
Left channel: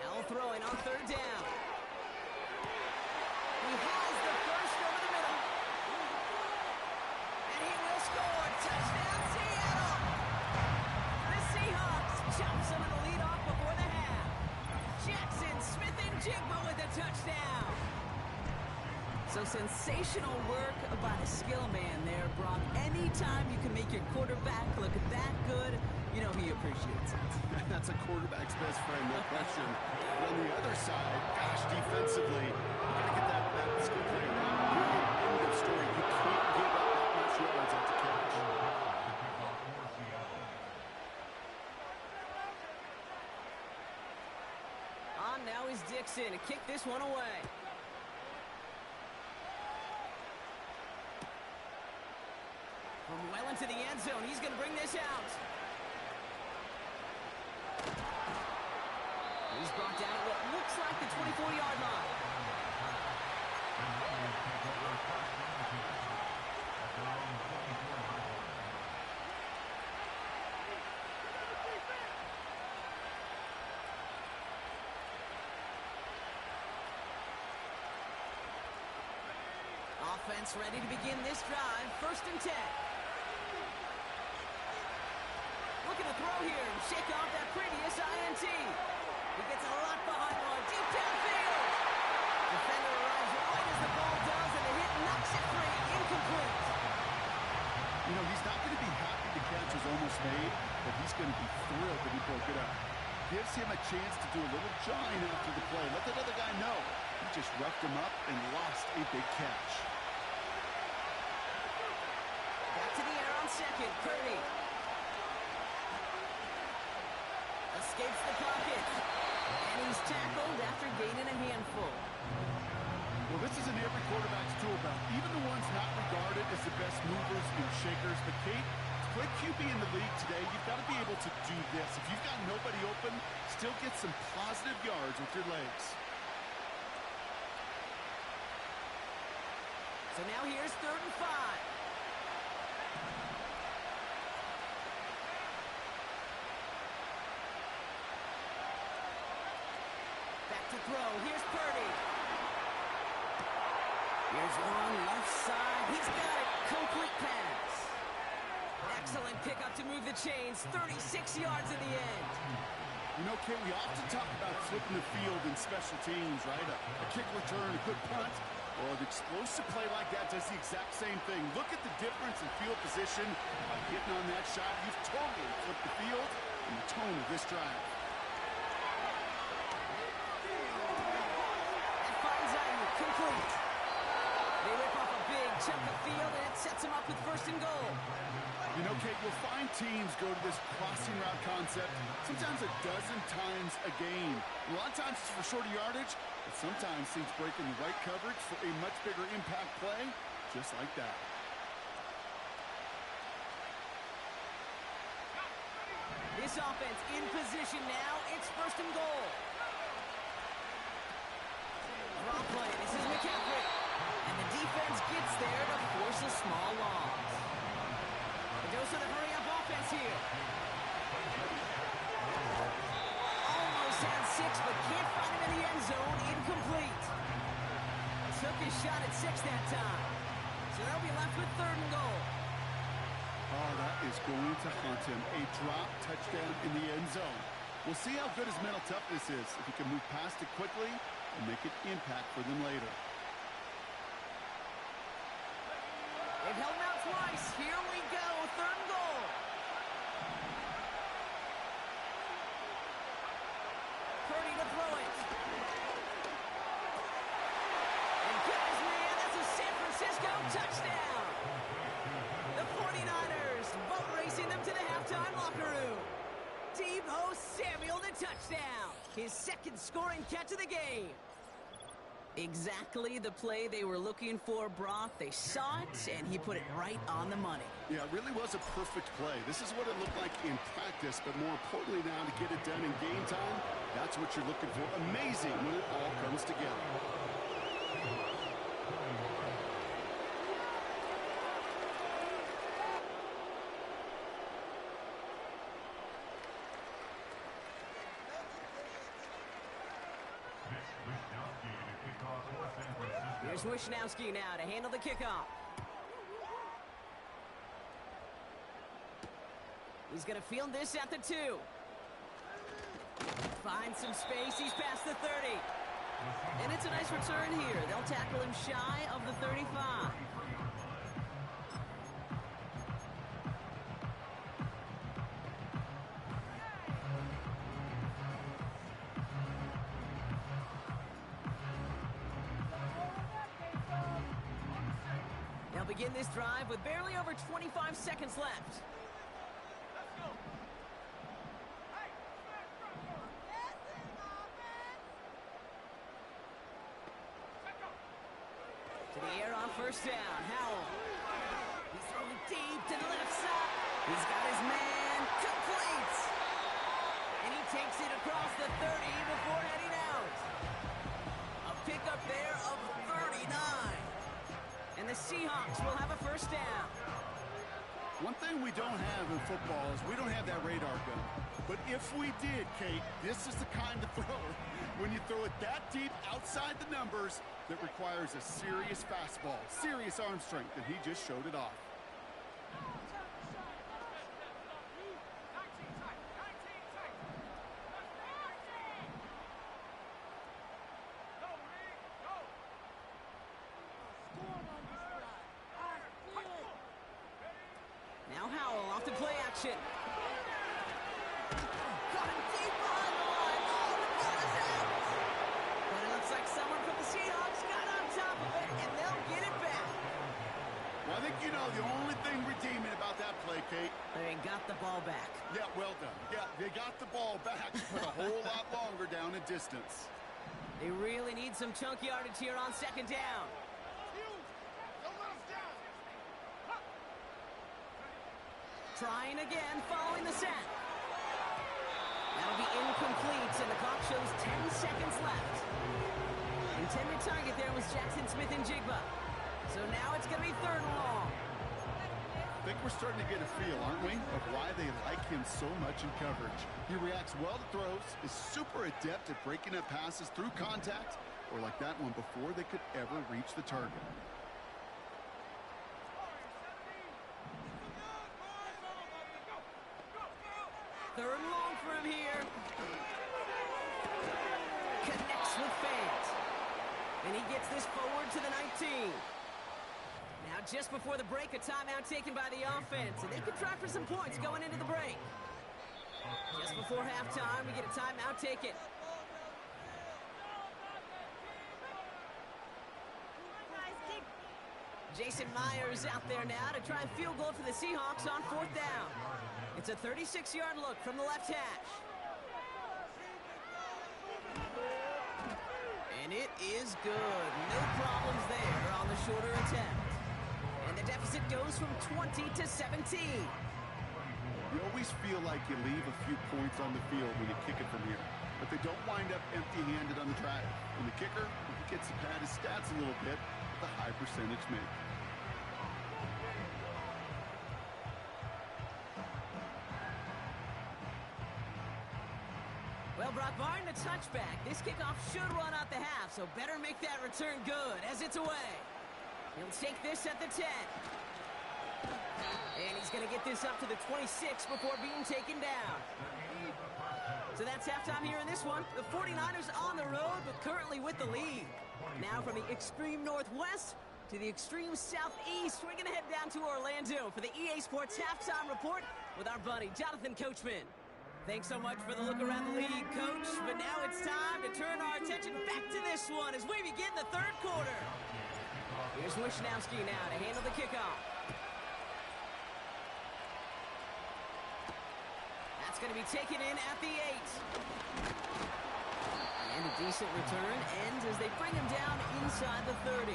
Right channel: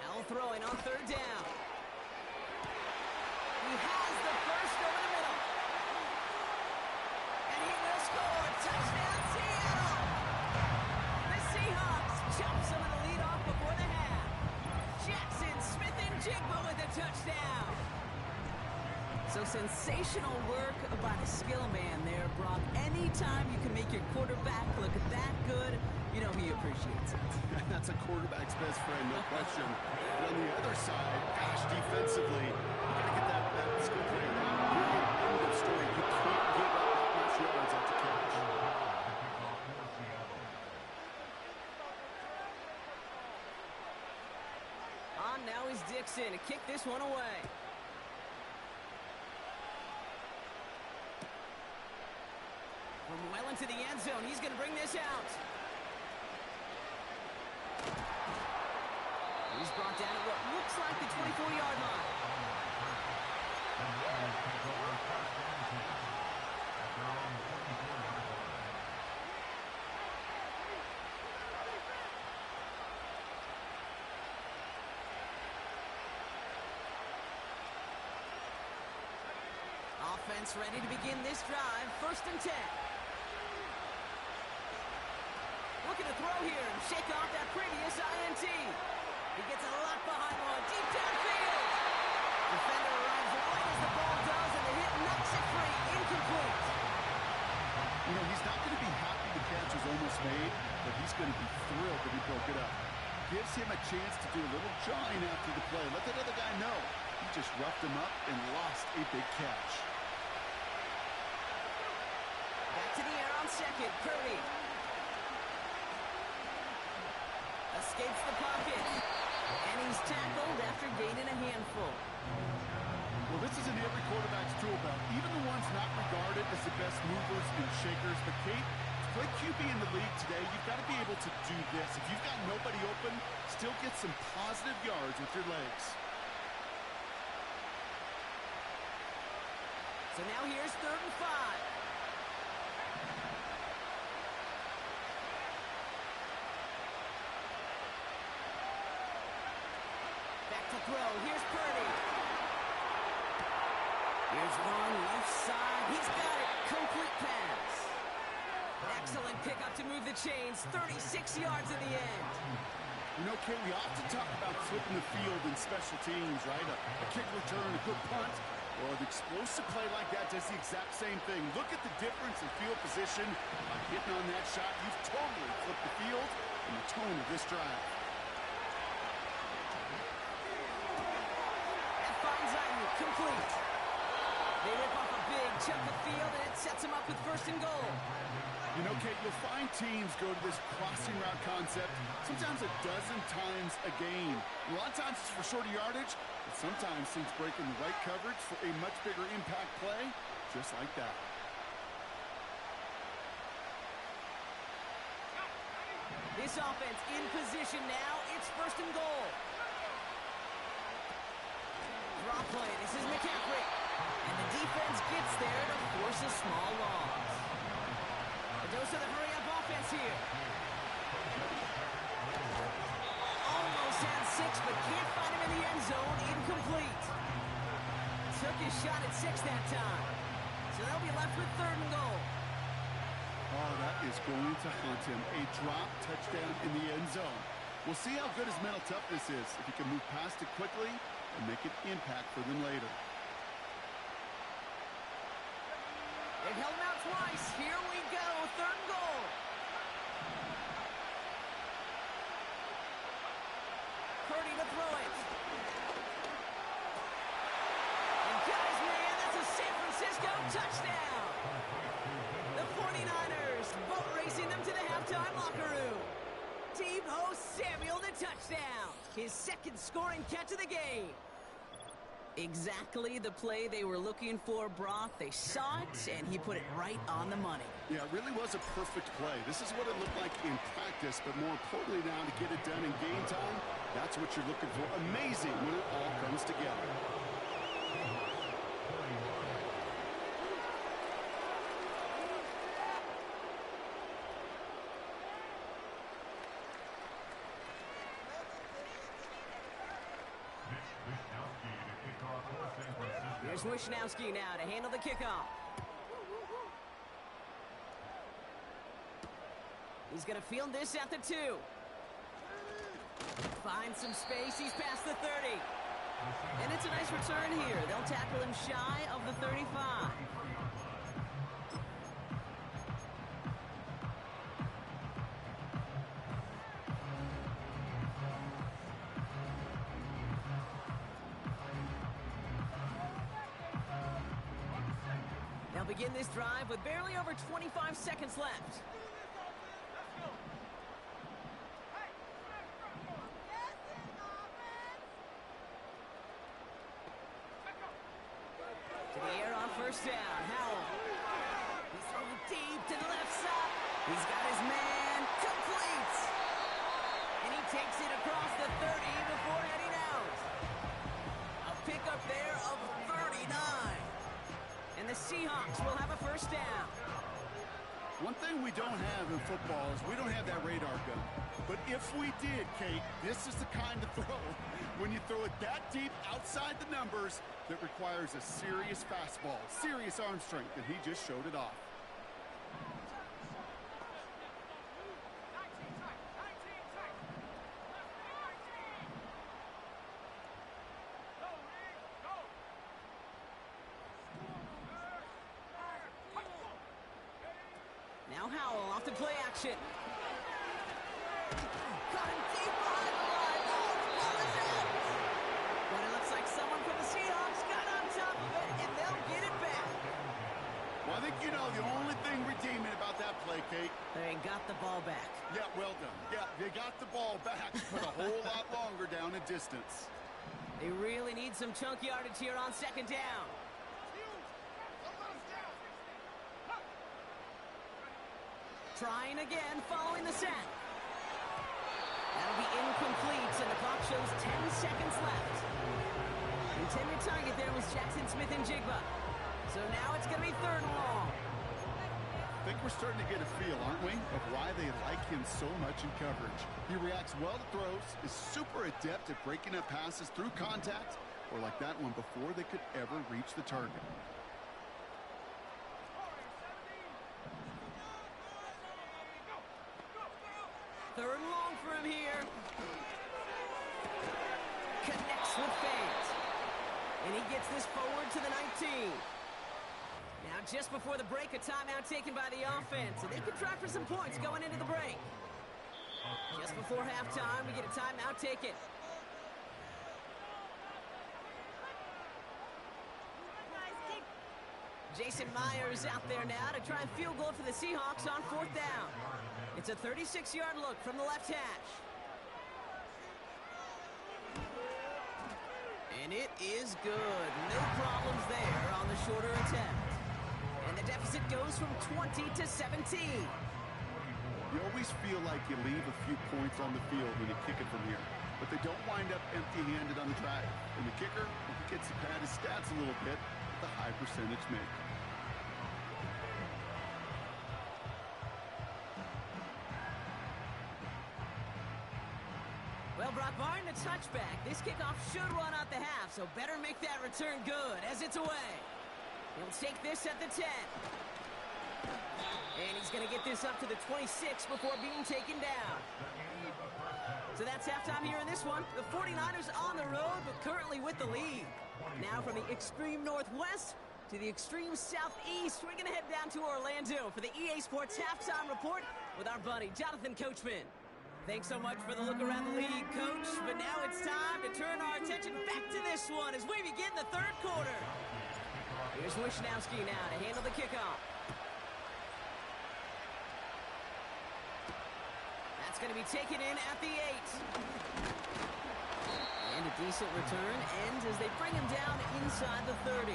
Howell throwing on third down. He has the first over the middle. And he will score. Touchdown, Seattle. The Seahawks chop some of the lead off before the half. Jackson, Smith, and Jigba with a touchdown. So sensational work by the skill man there, Brock. Anytime you can make your quarterback look that good, you know he appreciates it. That's a quarterback's best friend, no question. But on the other side, gosh, defensively, you got to get that skill player out. End of story. You can't give up that much yards after catch. On now is Dixon to kick this one away. From well into the end zone, he's going to bring this out. He's brought down at what looks like the 24-yard line. Offense ready to begin this drive. First and 10. Looking to throw here and shake off that previous INT. He gets a lot behind one, deep downfield. Defender arrives right as the ball does, and the hit knocks it free. Incomplete. You know, he's not going to be happy the catch was almost made, but he's going to be thrilled that he broke it up. Gives him a chance to do a little jawing after the play. Let that other guy know. He just roughed him up and lost a big catch. on second. Purdy escapes the pocket. And he's tackled after gaining a handful. Well, this is in every quarterback's tool belt, even the ones not regarded as the best movers and shakers. But, Kate, to play QB in the league today, you've got to be able to do this. If you've got nobody open, still get some positive yards with your legs. So now here's 3rd and 5. Back to throw. Here's Purdy. Here's one left side. He's got it. Complete pass. Excellent pickup to move the chains. 36 yards in the end. You know, Kate, we often talk about flipping the field in special teams, right? A kick return, a good punt. Well, an explosive play like that does the exact same thing. Look at the difference in field position. By hitting on that shot, you've totally flipped the field and the tone of this drive. That finds Ayuk. Complete. They rip off a big chunk of field, and it sets them up with 1st and goal. You know, Kate, you'll find teams go to this crossing route concept sometimes a dozen times a game. A lot of times it's for shorter yardage, but sometimes things break in the right coverage for a much bigger impact play, just like that. This offense in position now. It's 1st and goal. Draw play. This is McCaffrey. And the defense gets there to force a small loss. The dose of the hurry-up offense here. Almost had 6, but can't find him in the end zone. Incomplete. Took his shot at 6 that time. So they'll be left with 3rd and goal. Oh, that is going to haunt him. A drop touchdown in the end zone. We'll see how good his mental toughness is, if he can move past it quickly and make an impact for them later. They've held him out twice. Here we go. 3rd and goal. Purdy to throw it. And got his man. That's a San Francisco touchdown. The 49ers boat racing them to the halftime locker room. Deebo Samuel the touchdown. His 2nd scoring catch of the game. Exactly the play they were looking for, Brock. They saw it, and he put it right on the money. Yeah, it really was a perfect play. This is what it looked like in practice, but more importantly now to get it done in game time, that's what you're looking for. Amazing when it all comes together. Here's Wishnowski now to handle the kickoff. He's going to field this at the 2. Finds some space. He's past the 30. And it's a nice return here. They'll tackle him shy of the 35. They'll begin this drive with barely over 25 seconds left. To the air on 1st down. Howell. He's throwing deep to the left side. He's got his man. Complete. And he takes it across the 30 before heading out. A pickup there of 39. And the Seahawks will have a 1st down. One thing we don't have in football is we don't have that radar gun. But if we did, Kate, this is the kind of throw, when you throw it that deep outside the numbers, that requires a serious fastball, serious arm strength, and he just showed it off. Now Howell off to play action. Got him deep behind the line. Oh, the ball is out. But it looks like someone from the Seahawks got on top of it, and they'll get it back. Well, I think you know the only thing redeeming about that play, Kate. They got the ball back. Yeah, well done. Yeah, they got the ball back, but a whole lot longer down in distance. They really need some chunk yardage here on second down. Trying again, following the sack. That'll be incomplete, and the clock shows 10 seconds left. Intended target there was Jackson Smith and Jigba. So now it's going to be third and long. I think we're starting to get a feel, aren't we, of why they like him so much in coverage. He reacts well to throws, is super adept at breaking up passes through contact, or like that one before they could ever reach the target. Third and long for him here. Connects with fans. And he gets this forward to the 19. Now just before the break, a timeout taken by the offense. And they could try for some points going into the break. Just before halftime, we get a timeout taken. Jason Myers out there now to try a field goal for the Seahawks on fourth down. It's a 36-yard look from the left hash. And it is good. No problems there on the shorter attempt. And the deficit goes from 20 to 17. You always feel like you leave a few points on the field when you kick it from here. But they don't wind up empty-handed on the drive. And the kicker, he gets to pad his stats a little bit with a high percentage make. Well, Brock, barring the touchback, this kickoff should run out the half, so better make that return good as it's away. He'll take this at the 10. And he's going to get this up to the 26 before being taken down. So that's halftime here in this one. The 49ers on the road, but currently with the lead. Now from the extreme northwest to the extreme southeast, we're going to head down to Orlando for the EA Sports Halftime Report with our buddy, Jonathan Coachman. Thanks so much for the look around the league, Coach. But now it's time to turn our attention back to this one as we begin the third quarter. Here's Wishnowski now to handle the kickoff. That's going to be taken in at the 8. And a decent return ends as they bring him down inside the 30.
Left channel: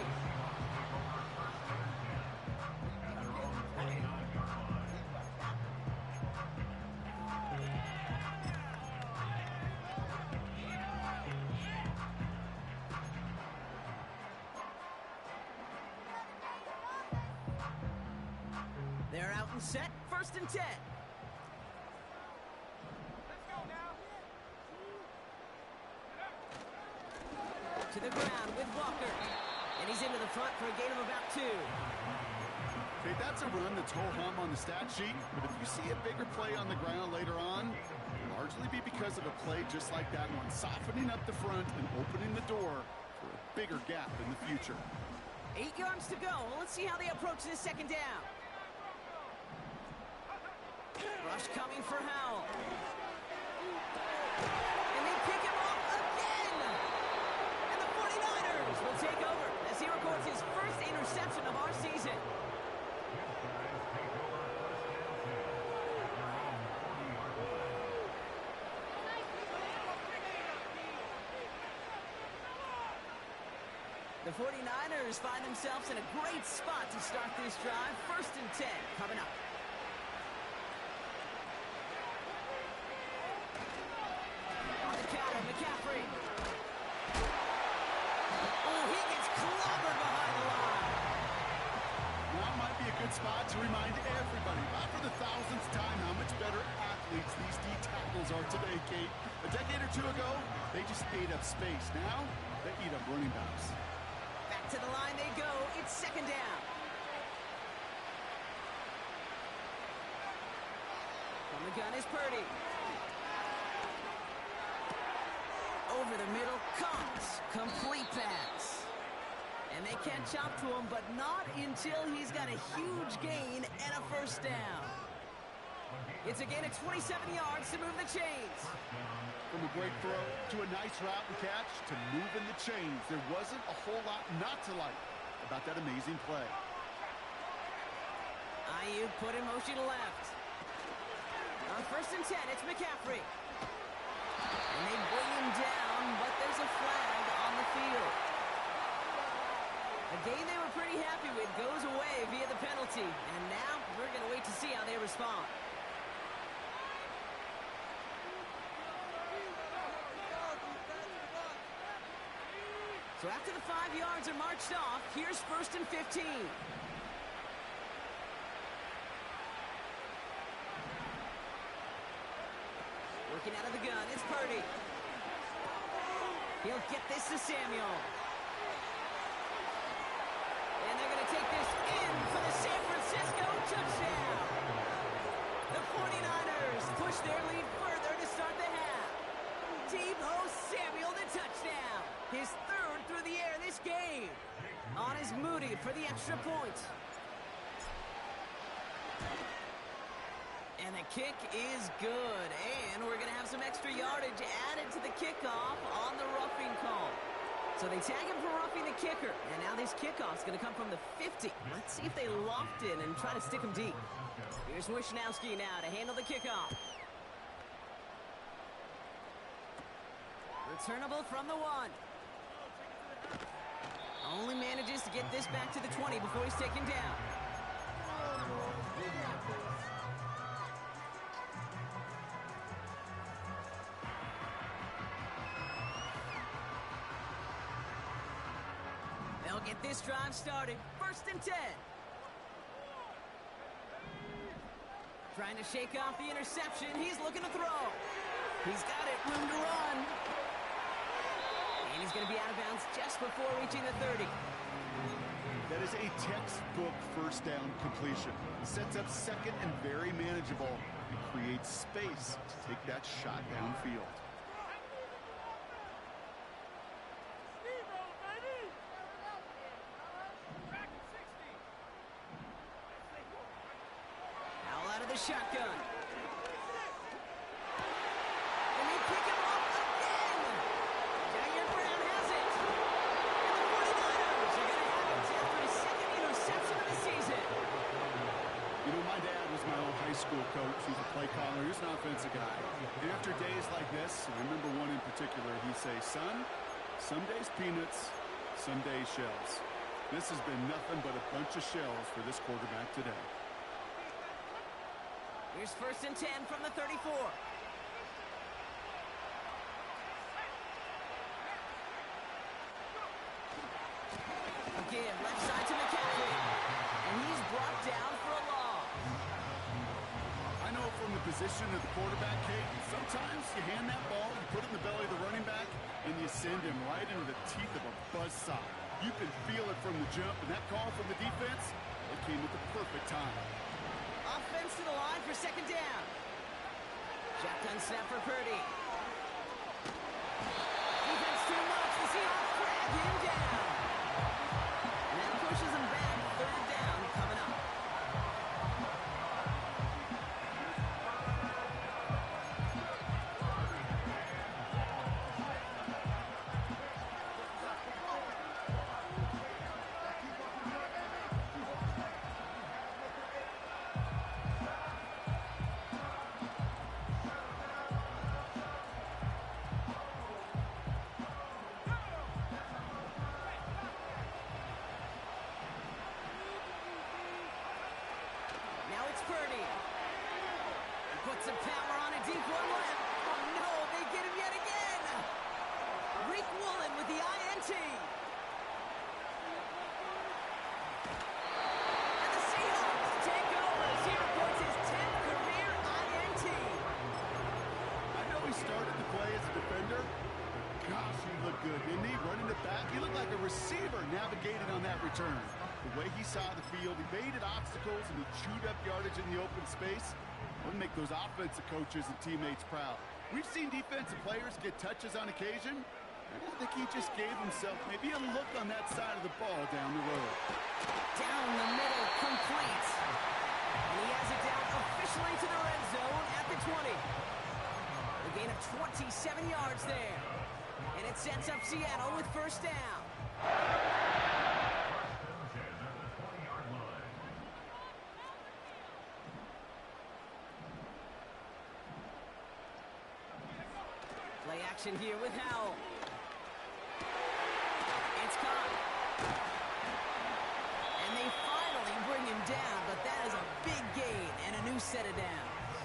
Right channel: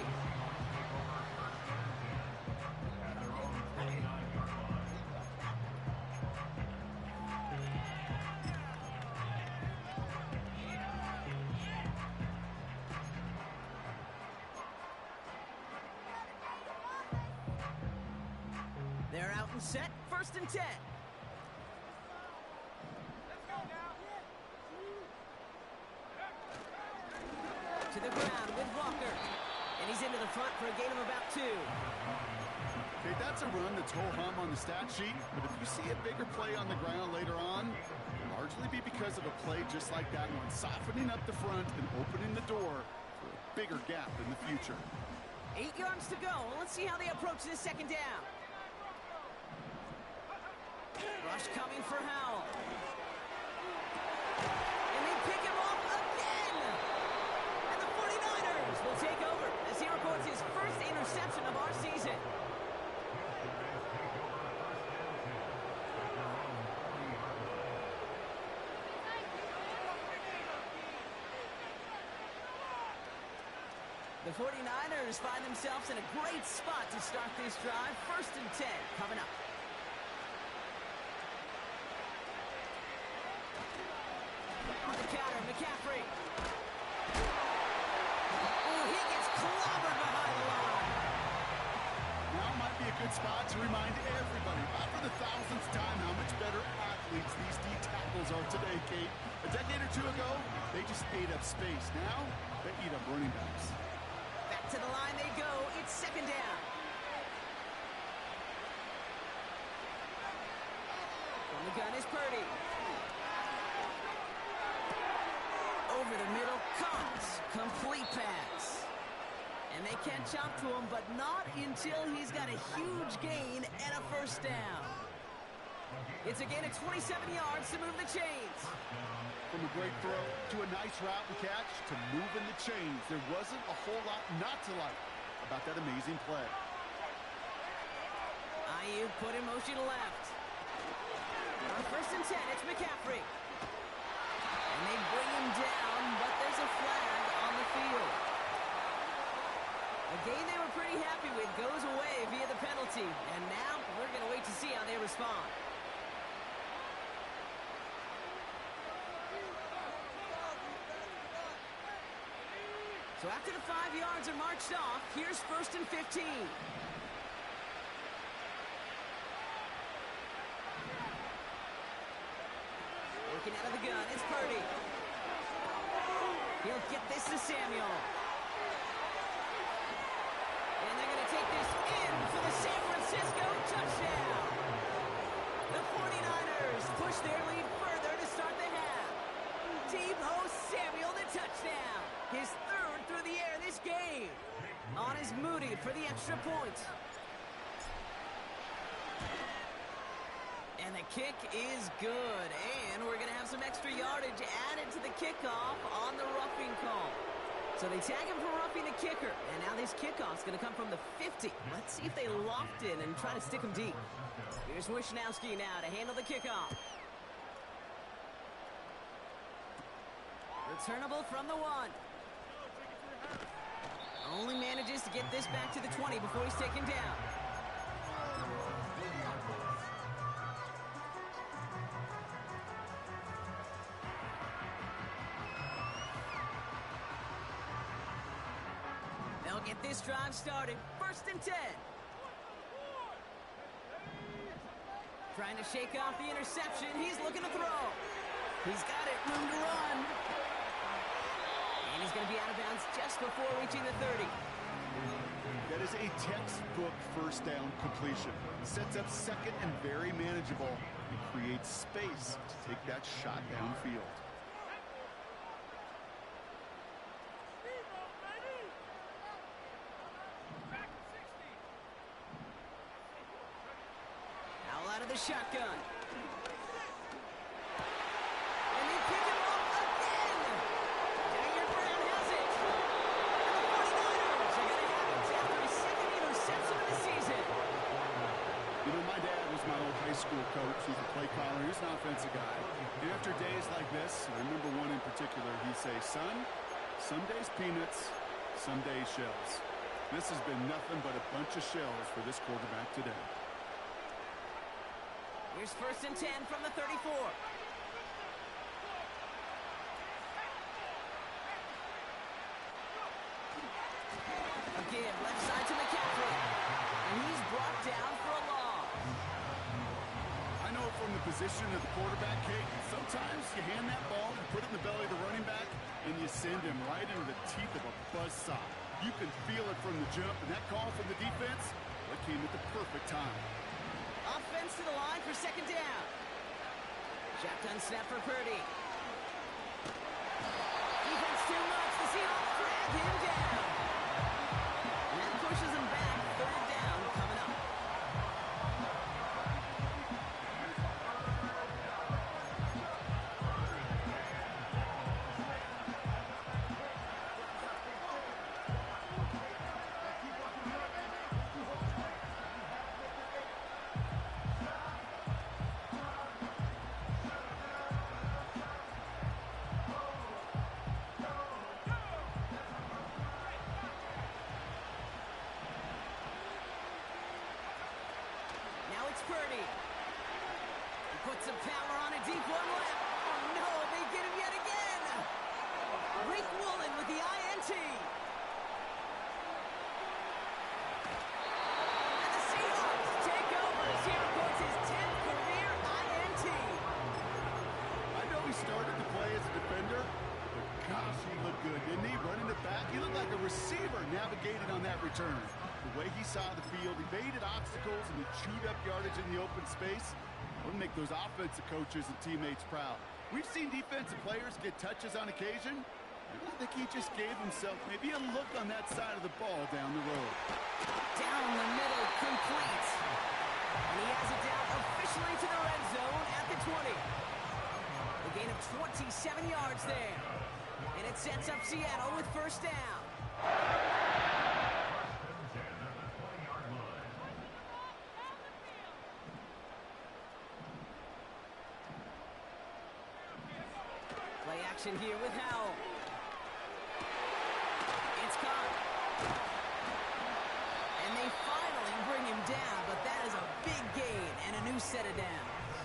They're out and set, 1st and 10. To the ground with Walker. And he's into the front for a gain of about 2. Okay, that's a run that's ho-hum on the stat sheet, but if you see a bigger play on the ground later on, it'll largely be because of a play just like that one, softening up the front and opening the door for a bigger gap in the future. 8 yards to go. Let's see how they approach this second down. Rush coming for Howell. And they pick him off again. And the 49ers will take over as he records his first interception of our season. The 49ers find themselves in a great spot to start this drive. 1st and 10 coming up. On the counter, McCaffrey. Oh, he gets clobbered behind the line. Now might be a good spot to remind everybody, not for the 1000th time, how much better athletes these D tackles are today, Kate. A decade or 2 ago, they just ate up space. Now, they eat up running backs. Back to the line they go. It's 2nd down. From the gun is Purdy. Over the middle, Cox. Complete pass. And they can't chop to him, but not until he's got a huge gain and a 1st down. It's a gain of 27 yards to move the chains. From a great throw to a nice route and catch to moving the chains. There wasn't a whole lot not to like about that amazing play. Ayuk put in motion left. On 1st and 10, it's McCaffrey. And they bring him down, but there's a flag on the field. A game they were pretty happy with goes away via the penalty. And now we're going to wait to see how they respond. So after the 5 yards are marched off, here's 1st and 15. Working out of the gun, it's Purdy. He'll get this to Samuel. And they're going to take this in for the San Francisco touchdown. The 49ers push their lead further to start the half. Deebo Samuel, the touchdown. His 3rd through the air this game. On is Moody for the extra point. And the kick is good. And we're going to have some extra yardage added to the kickoff on the roughing call. So they tag him for roughing the kicker. And now this kickoff's going to come from the 50. Let's see if they loft in and try to stick him deep. Here's Wishnowski now to handle the kickoff. Returnable from the 1. Only manages to get this back to the 20 before he's taken down. They'll get this drive started. 1st and 10. Trying to shake off the interception. He's looking to throw. He's got it. Room to run. And he's going to be out of bounds just before reaching the 30. That is a textbook 1st down completion. Sets up 2nd and very manageable. And creates space to take that shot downfield. Out of the shotgun. And they pick him up again. Jair Brown has it. And the 49ers are going to have it after his 2nd interception of the season. You know, my dad was my old high school coach. He's a play caller. He was an offensive guy. And after days like this, I remember one in particular, he'd say, son, some days peanuts, some days shells. This has been nothing but a bunch of shells for this quarterback today. Here's 1st and 10 from the 34. Again, left side to McCaffrey. And he's brought down for a loss. I know from the position of the quarterback, Kate, sometimes you hand that ball, you put it in the belly of the running back, and you send him right into the teeth of a buzzsaw. You can feel it from the jump, and that call from the defense, well, it came at the perfect time. Offense to the line for 2nd down. Shotgun snap for Purdy. Defense too much. The Seahawks drag him down. And that pushes him back. 3rd down coming up. Now it's Purdy. He puts some power on a deep one left. Oh no, they get him yet again. Rick Woolen with the INT. And the Seahawks take over as he reports his 10th career INT. I know he started to play as a defender, but gosh, he looked good, didn't he? Running it back, he looked like a receiver navigated on that return. The way he saw the field, he evaded obstacles, and he chewed up yardage in the open space. That would make those offensive coaches and teammates proud. We've seen defensive players get touches on occasion, and I think he just gave himself maybe a look on that side of the ball down the road. Down the middle, complete. And he has it down officially to the red zone at the 20. A gain of 27 yards there. And it sets up Seattle with 1st down. action here with Howell. It's caught. And they finally bring him down, but that is a big gain and a new set of downs.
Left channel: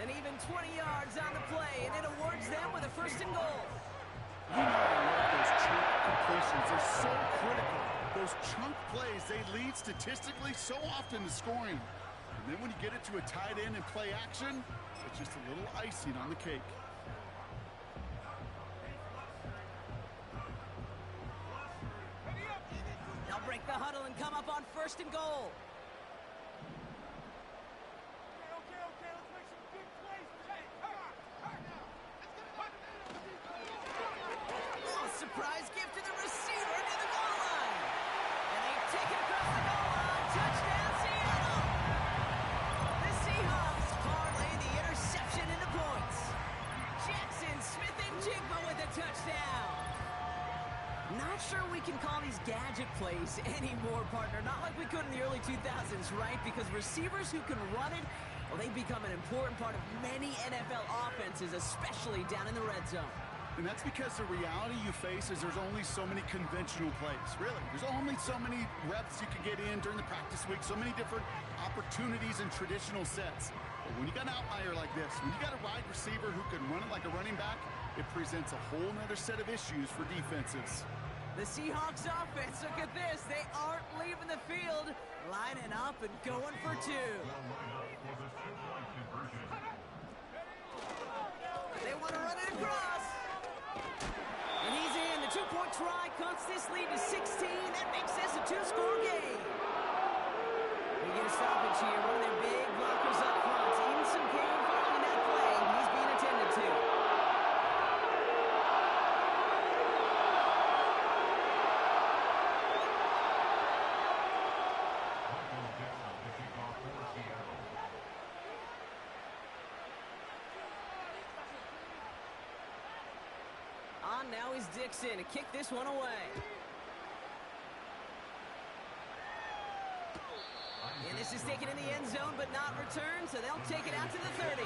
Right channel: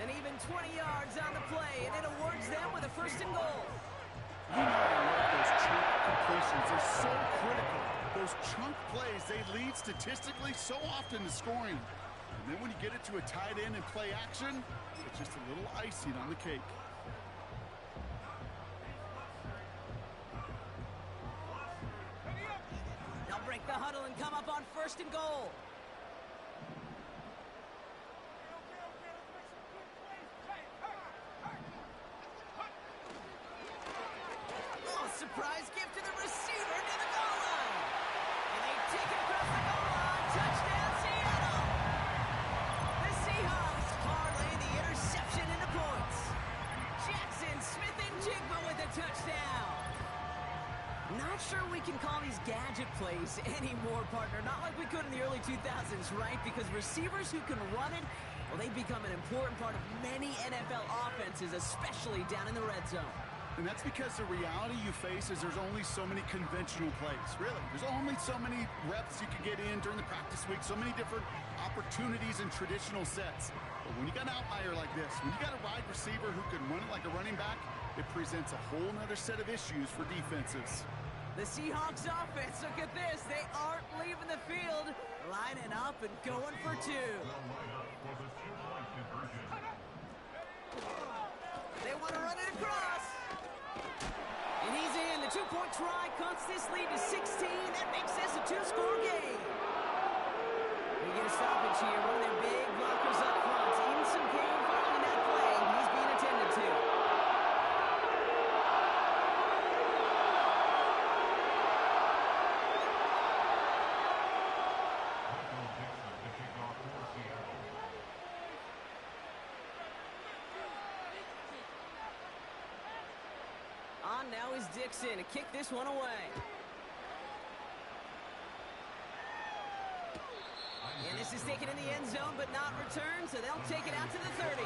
And even 20 yards on the play, and it awards them with a 1st and goal. You know I love those chunk completions. They're so critical. Those chunk plays, they lead statistically so often to scoring. And then when you get it to a tight end and play action, it's just a little icing on the cake. They'll break the huddle and come up on 1st and goal. Okay, let's make some good plays. Hey, Oh, surprise gift to the receiver near the goal line. And they take it across the goal line. Touchdown, Seattle. The Seahawks parlay the interception into points. Jackson Smith-Njigba with a touchdown. Not sure we can call these gadget plays anymore, partner. Not like we could in the early 2000s, right? Because receivers who can run it, well, they become an important part of many NFL offenses, especially down in the red zone. And that's because the reality you face is there's only so many conventional plays, really. There's only so many reps you can get in during the practice week, so many different opportunities and traditional sets. But when you got an outlier like this, when you got a wide receiver who can run it like a running back, it presents a whole nother set of issues for defenses. The Seahawks offense, look at this. They aren't leaving the field, lining up and going for 2. They want to run it across. And he's in. The 2-point try cuts this lead to 16. That makes this a 2-score game. We get a stoppage here. One of their big blockers up front. In some game following that play. He's being attended to. On now is Dixon to kick this one away. And this is taken in the end zone but not returned, so they'll take it out to the 30.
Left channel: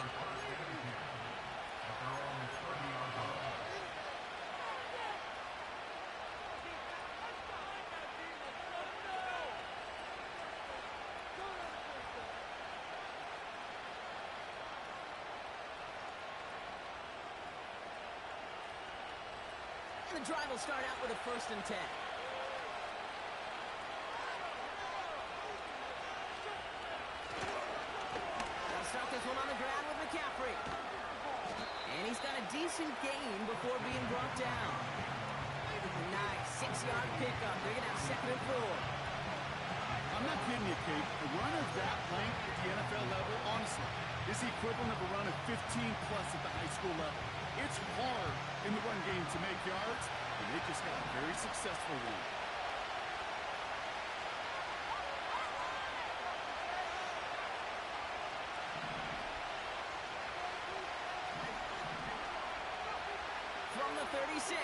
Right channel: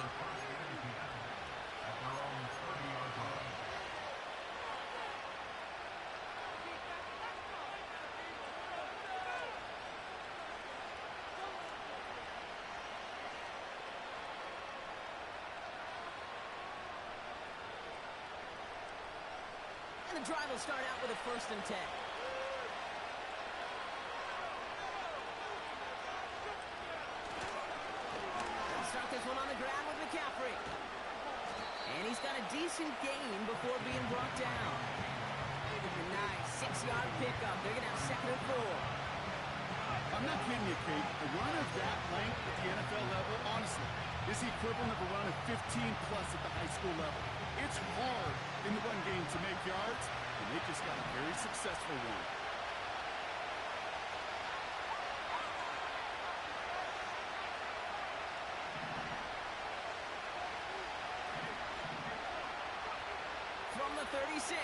And the drive will start out with a 1st and 10. They'll start this one on the ground with McCaffrey. And he's got a decent gain before being brought down. A nice 6-yard pickup. They're going to have 2nd and 4. I'm not kidding you, Kate. A run of that length at the NFL level, honestly, is the equivalent of a run of 15-plus at the high school level. It's hard in the run game to make yards, and they just got a very successful one. From the 36.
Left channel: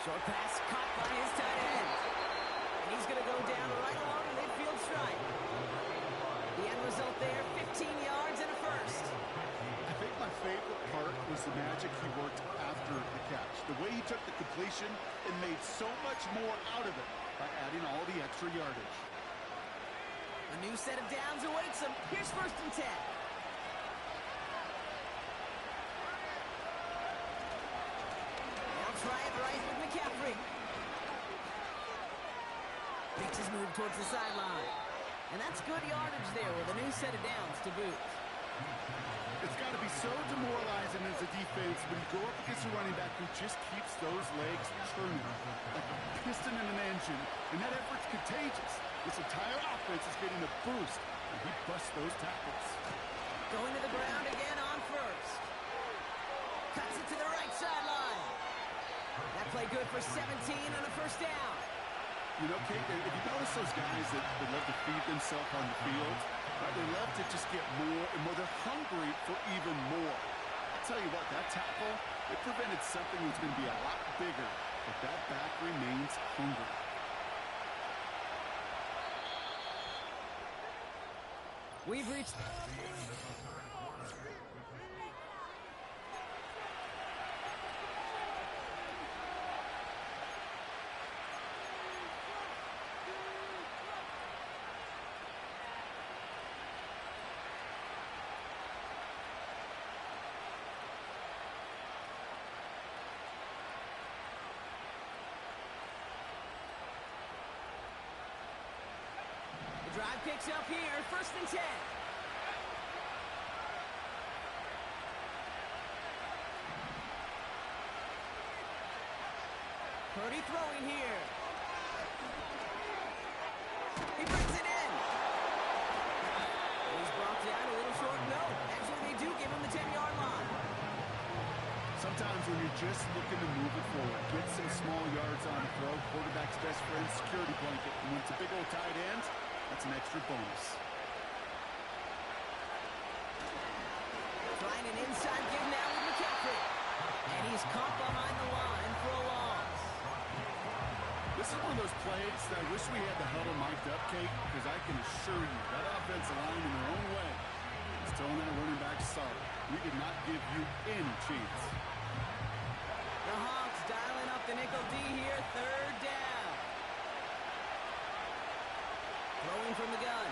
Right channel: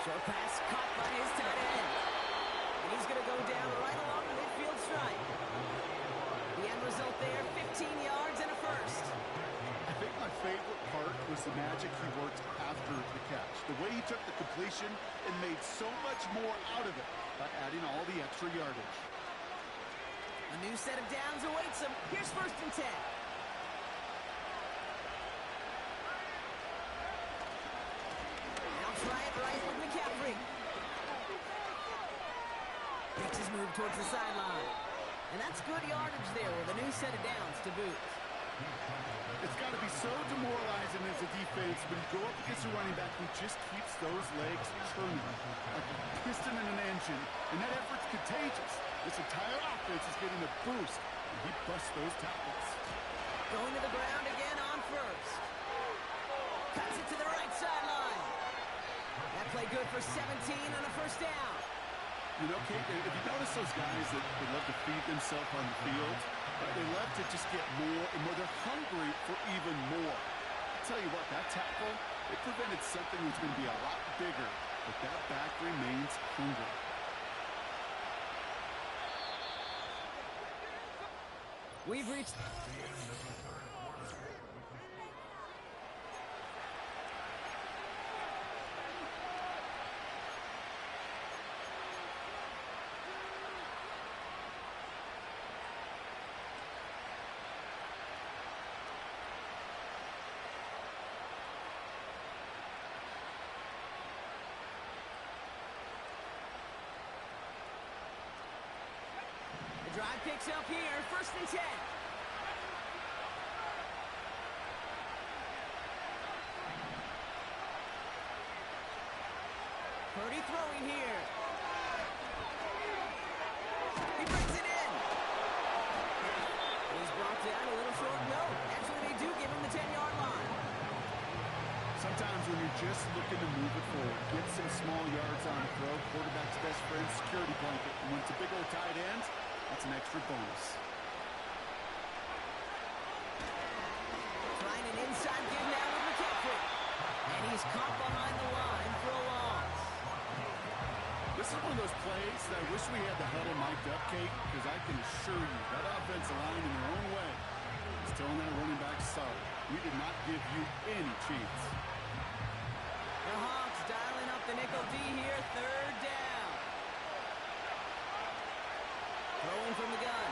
Short pass caught by his tight end. And he's going to go down right along the midfield stripe. The end result there, 15 yards and a 1st. I think my favorite part was the magic he worked after the catch. The way he took the completion and made so much more out of it by adding all the extra yardage. A new set of downs awaits him. Here's 1st and 10. They'll try it right with McCaffrey. Makes his move towards the sideline. And that's good yardage there with a new set of downs to boot. It's got to be so demoralizing as a defense when you go up against a running back who just keeps those legs churning like a piston in an engine, and that effort's contagious. This entire offense is getting a boost, and he busts those tackles. Going to the ground again on 1st. Cuts it to the right sideline. That play good for 17 on a 1st down. You know, Kate, if you notice those guys that love to feed themselves on the field, right, they love to just get more and more. They're hungry for even more. I'll tell you what, that tackle, it prevented something that's going to be a lot bigger, but that back remains hungry. We've reached... Drive picks up here, 1st and 10. Purdy throwing here. He brings it in. He's brought down a little short. No, actually they do give him the 10-yard line. Sometimes when you're just looking to move it forward, get some small yards on the throw, quarterback's best friend, security blanket. And when it's a big old tight end, that's an extra bonus. Trying an inside give now with McCaffrey. And he's caught behind the line for a loss. This is one of those plays that I wish we had the huddle mic'd up, Kate, because I can assure you that offensive line in their own way is telling that running back, sorry, we did not give you any chance. The Hawks dialing up the nickel D here, 3rd down. Throwing from the gun.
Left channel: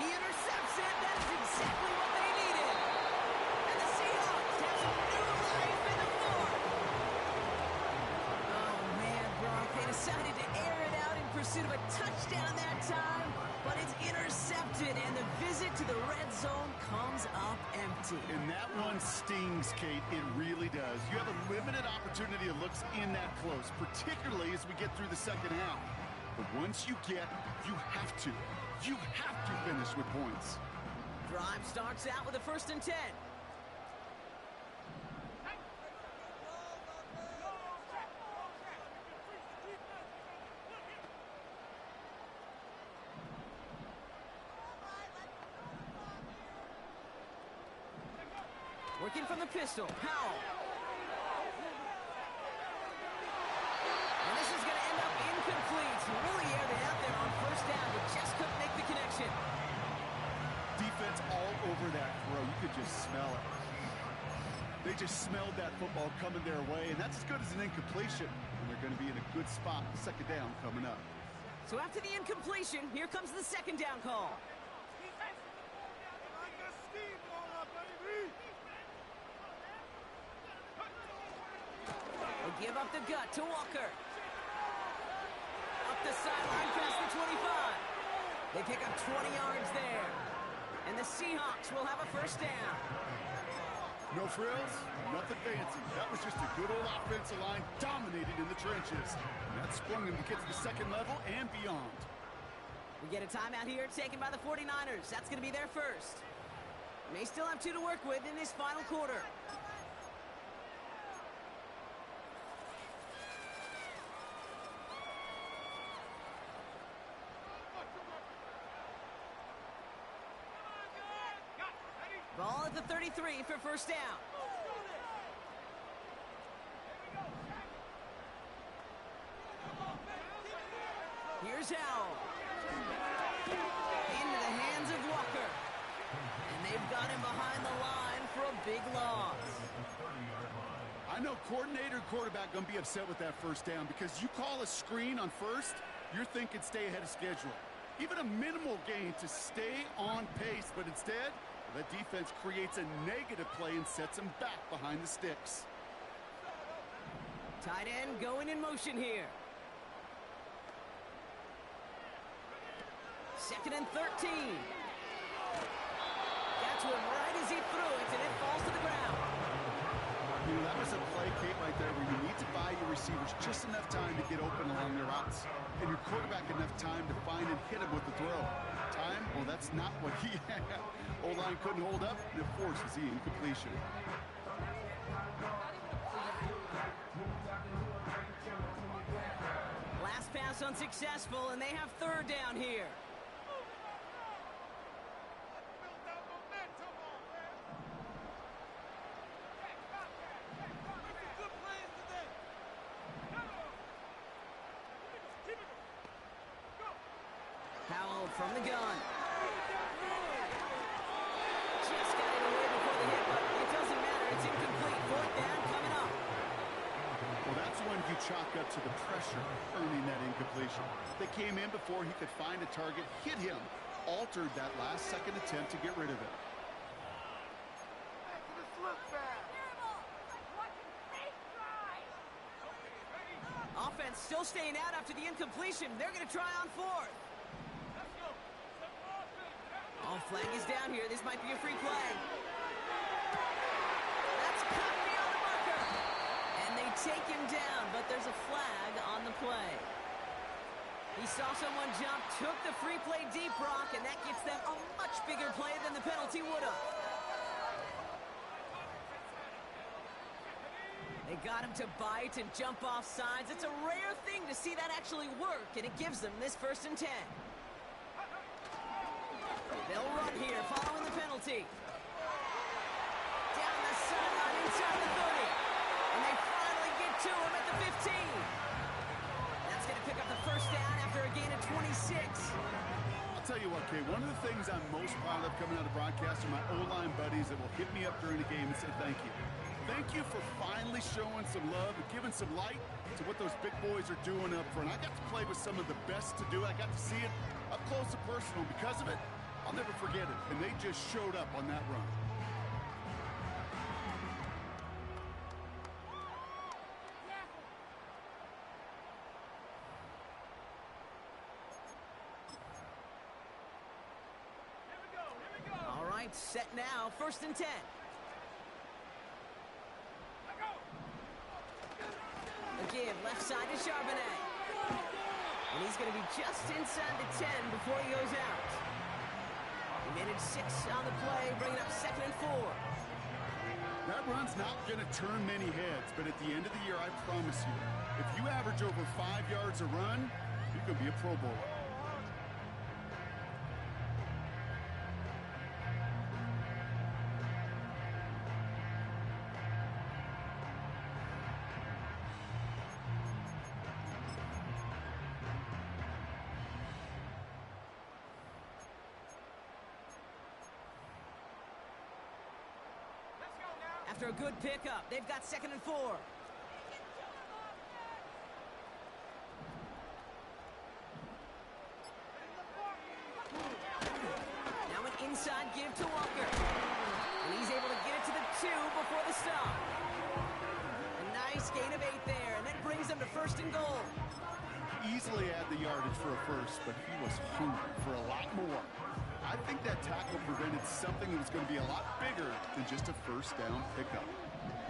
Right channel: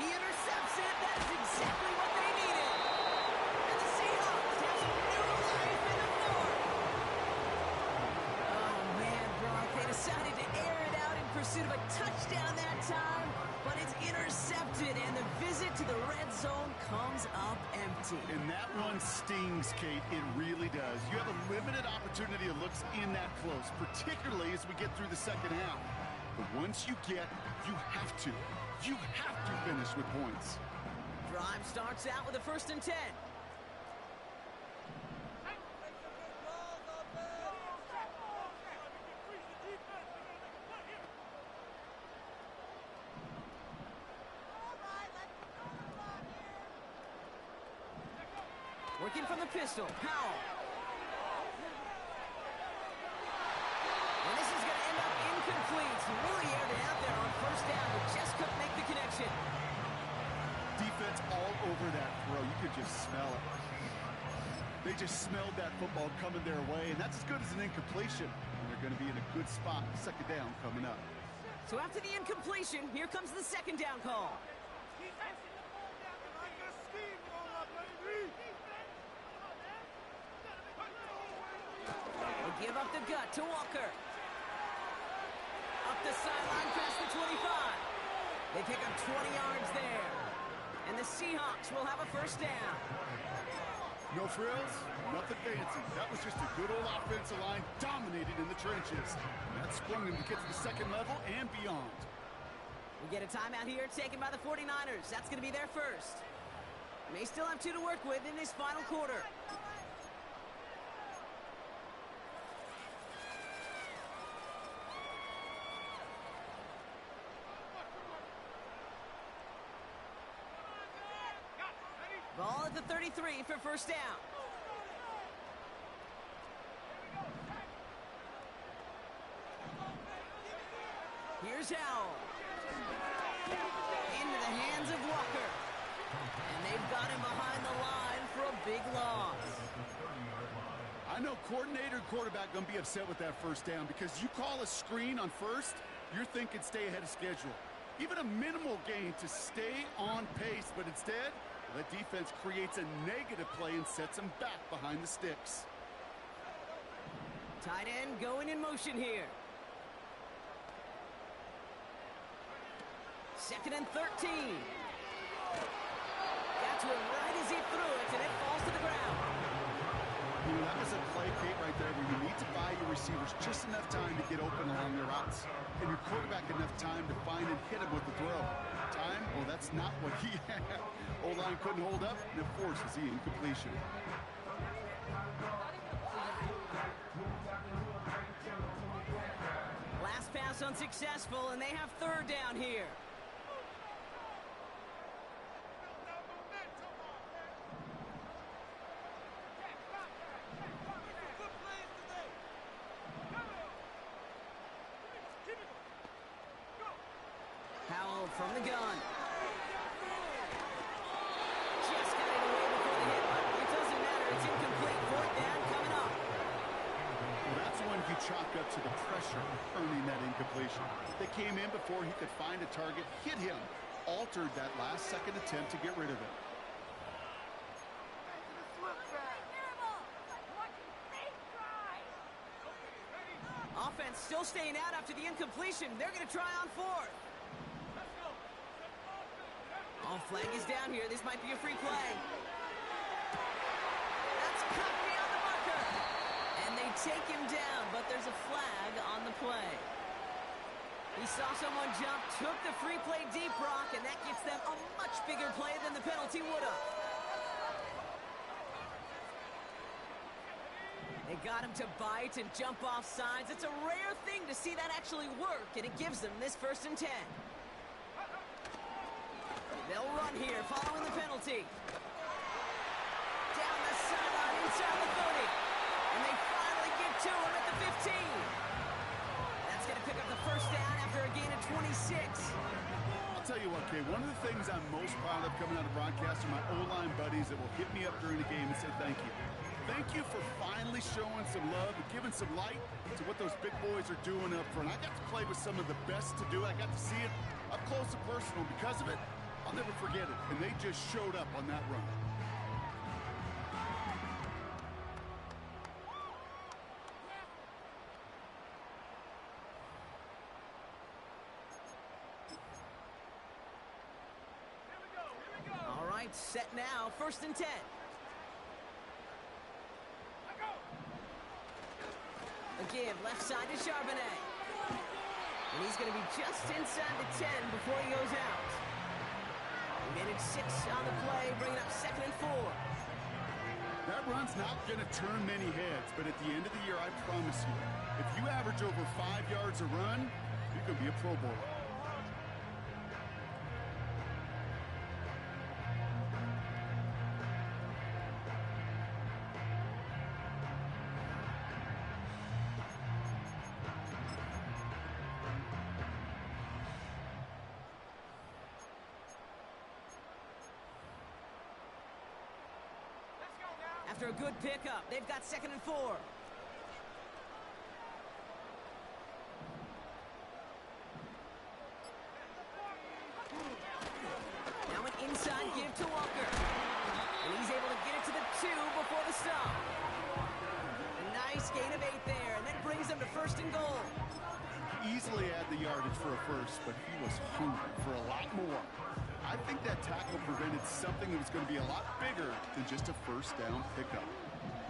He intercepts it. That is exactly what they needed. And the Seahawks have some new life in the 4th. Oh, man, Brock, they decided to air it out in pursuit of a touchdown that time, but it's intercepted, and the visit to the red zone comes up empty. And that one stings, Kate. It really does. You have a limited opportunity of looks in that close, particularly as we get through the second half. But once you get, you have to finish with points. Drive starts out with a 1st and 10. Working from the pistol, Powell. And this is going to end up incomplete. Really aired it out there on 1st down, but just couldn't make the connection. Defense all over that throw. You could just smell it. They just smelled that football coming their way, and that's as good as an incompletion. And they're going to be in a good spot, 2nd down coming up. So after the incompletion, here comes the 2nd down call. Keep passing the ball down the like a steamroller, baby. They give up the gut to Walker. Up the sideline past the 25. They pick up 20 yards there. And the Seahawks will have a 1st down. No frills, nothing fancy. That was just a good old offensive line dominated in the trenches. And that sprung them to get to the 2nd level and beyond. We get a timeout here taken by the 49ers. That's going to be their 1st. May still have 2 to work with in this final quarter. Ball at the 33 for 1st down. Here's Howell. Into the hands of Walker. And they've got him behind the line for a big loss. I know coordinator and quarterback going to be upset with that 1st down because you call a screen on 1st, you're thinking stay ahead of schedule. Even a minimal gain to stay on pace, but instead, the defense creates a negative play and sets them back behind the sticks. Tight end going in motion here. 2nd and 13. Got to him right as he threw it, and it falls to the ground. You know, that was a play, Kate, right there where you need to buy your receivers just enough time to get open along their routes. And your quarterback enough time to find and hit him with the throw. Time? Well, that's not what he had. O-line couldn't hold up, and it forces the incompletion. Last pass unsuccessful, and they have 3rd down here. Howell from the gun. Just got it away before the hit, but it doesn't matter. It's incomplete. 4th down coming up. Well, that's one you chalk up to the pressure earning that incompletion. They came in before he could find a target, hit him, altered that last 2nd attempt to get rid of it. Offense still staying out after the incompletion. They're going to try on 4th. flag is down here. This might be a free play. That's cut beyond the marker. And they take him down, but there's a flag on the play. He saw someone jump, took the free play deep, Brock, and that gets them a much bigger play than the penalty would have. They got him to bite and jump off sides. It's a rare thing to see that actually work, and it gives them this 1st and 10. They'll run here following the penalty. Down the sideline inside the 30. And they finally get to him at the 15. That's going to pick up the 1st down after a gain of 26. I'll tell you what, Kay, one of the things I'm most proud of coming out of broadcast are my O-line buddies that will hit me up during the game and say thank you. Thank you for finally showing some love and giving some light to what those big boys are doing up front. I got to play with some of the best to do it. I got to see it up close and personal. Because of it, I'll never forget it. And they just showed up on that run. All right, set now. 1st and 10. Again, left side to Charbonnet. And he's going to be just inside the 10 before he goes out. He managed 6 on the play, bringing up 2nd and 4. That run's not going to turn many heads, but at the end of the year, I promise you, if you average over 5 yards a run, you could be a Pro Bowler. After a good pickup, they've got 2nd and 4. Now an inside give to Walker. And he's able to get it to the 2 before the stop. A nice gain of 8 there, and that brings them to 1st and goal. Easily add the yardage for a first, but he was hungry for a lot more. I think that tackle prevented something that was going to be a lot bigger than just a 1st down pickup.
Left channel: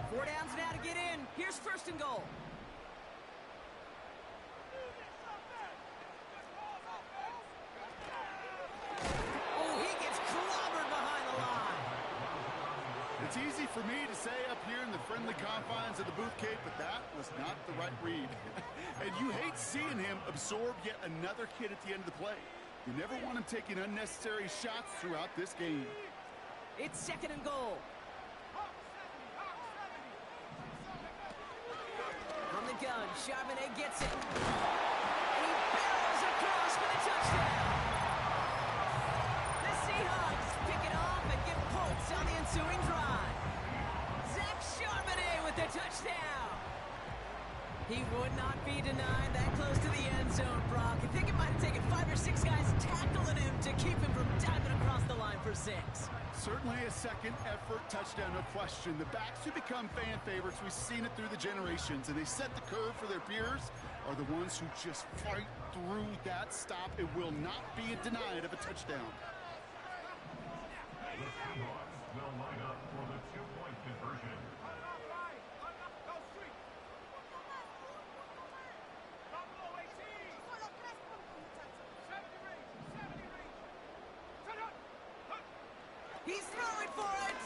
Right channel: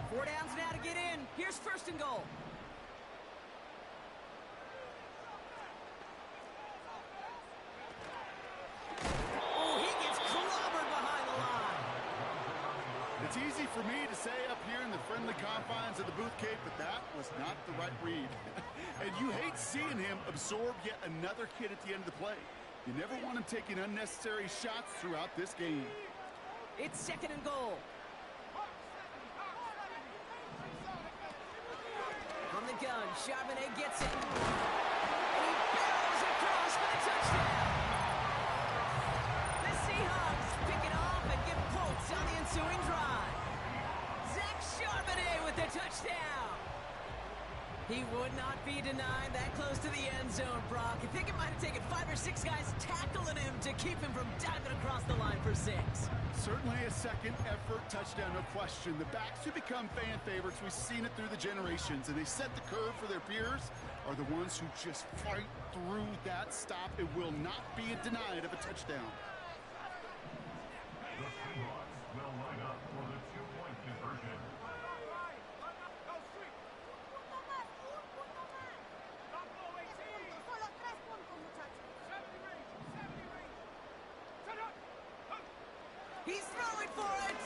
4 downs now to get in. Here's 1st and goal. Oh, he gets clobbered behind the line. It's easy for me to say up here in the friendly confines of the booth, Kate, but that was not the right read. And you hate seeing him absorb yet another hit at the end of the play. You never want him taking unnecessary shots throughout this game. It's 2nd and goal. From the gun, Charbonnet gets it. And he barrels across for the touchdown. The Seahawks pick it off and get points on the ensuing drive. Zach Charbonnet with the touchdown. He would not be denied that close to the end zone, Brock. I think it might have taken 5 or 6 guys tackling him to keep him from diving across the line for 6. Certainly a second effort touchdown, no question. The backs who become fan favorites, we've seen it through the generations, and they set the curve for their peers, are the ones who just fight through that stop. It will not be denied of a touchdown. The Seahawks will line up for the 2-point conversion. He's throwing for it!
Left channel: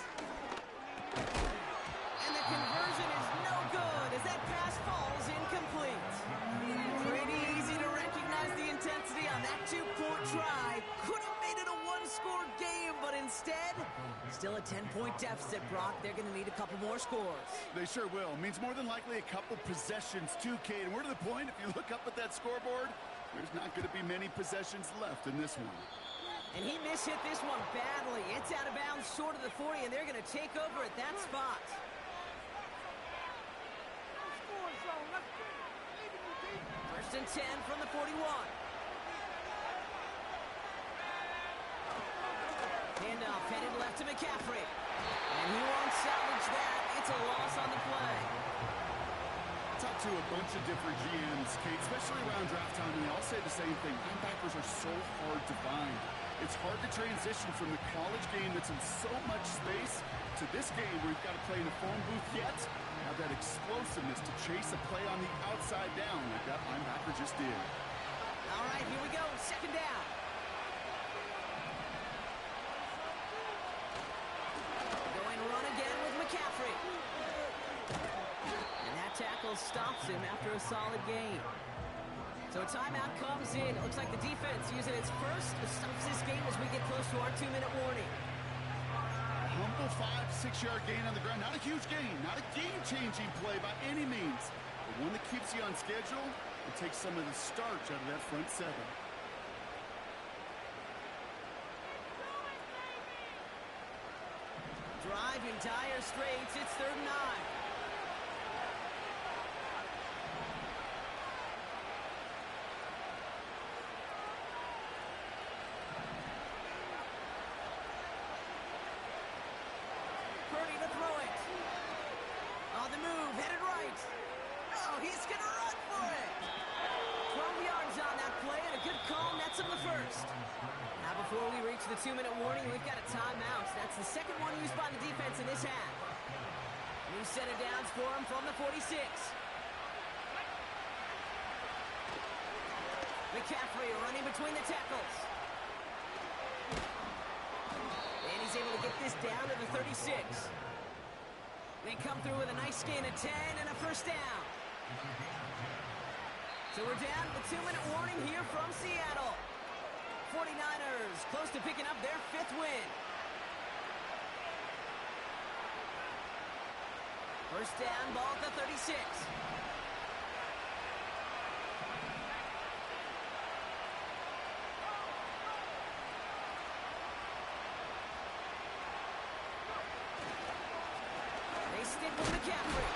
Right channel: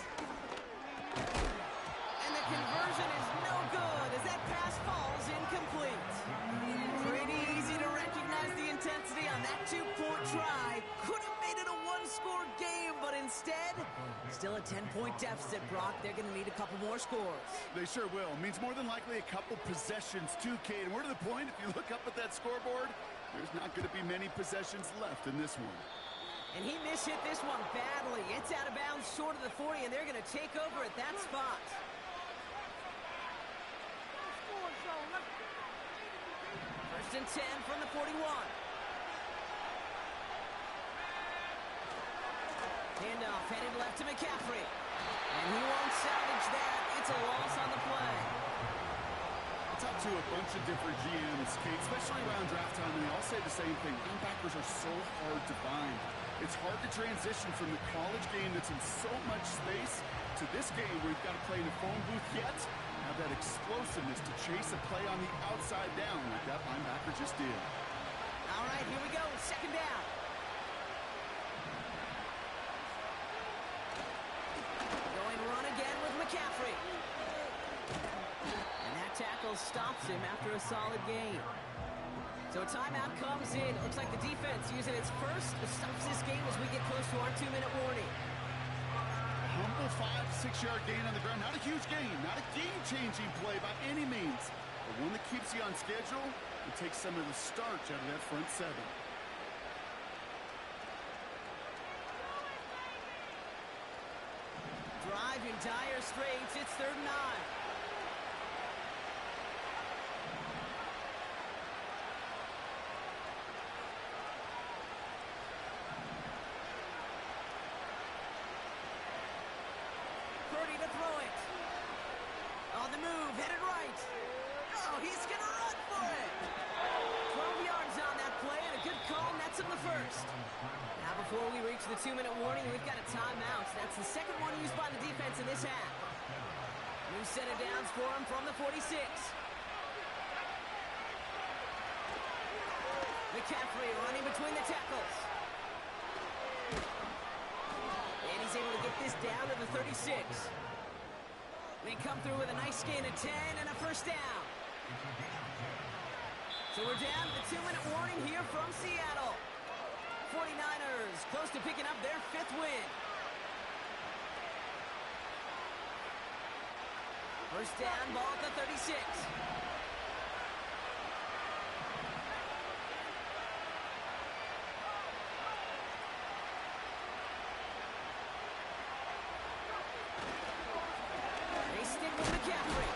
And the conversion is no good as that pass falls incomplete. Pretty easy to recognize the intensity on that 2-point try. Could have made it a 1-score game, but instead, still a 10-point deficit, Brock. They're going to need a couple more scores. They sure will. Means more than likely a couple possessions too, Kate. And we're to the point, if you look up at that scoreboard, there's not going to be many possessions left in this one. And he mishit this one badly. It's out of bounds short of the 40, and they're going to take over at that spot. First and 10 from the 41. Handoff headed left to McCaffrey. And he won't salvage that. It's a loss on the play. I talked to a bunch of different GMs, Kate, especially around draft time, and they all say the same thing. Linebackers are so hard to find. It's hard to transition from the college game that's in so much space to this game where you've got to play in a phone booth yet have that explosiveness to chase a play on the outside down like that linebacker just did. All right, here we go. Second down. Going run again with McCaffrey. And that tackle stops him after a solid gain. So a timeout comes in. It looks like the defense using its first stops this game as we get close to our 2-minute warning. A humble 5-6 yard gain on the ground. Not a huge gain, not a game-changing play by any means, but one that keeps you on schedule and takes some of the starch out of that front seven. Drive in dire straits. It's 3rd and 9. Purdy to throw it. On the move, headed right. Oh, he's going to run for it. 12 yards on that play, and a good call nets him the first. Now, before we reach the 2-minute warning, we've got a timeout. That's the second one used by the defense in this half. New set of downs for him from the 46. McCaffrey running between the tackles. And he's able to get this down to the 36. They come through with a nice gain of 10 and a first down. So we're down to the 2-minute warning here from Seattle. 49ers close to picking up their 5th win. First down, ball at the 36. They stick with McCaffrey.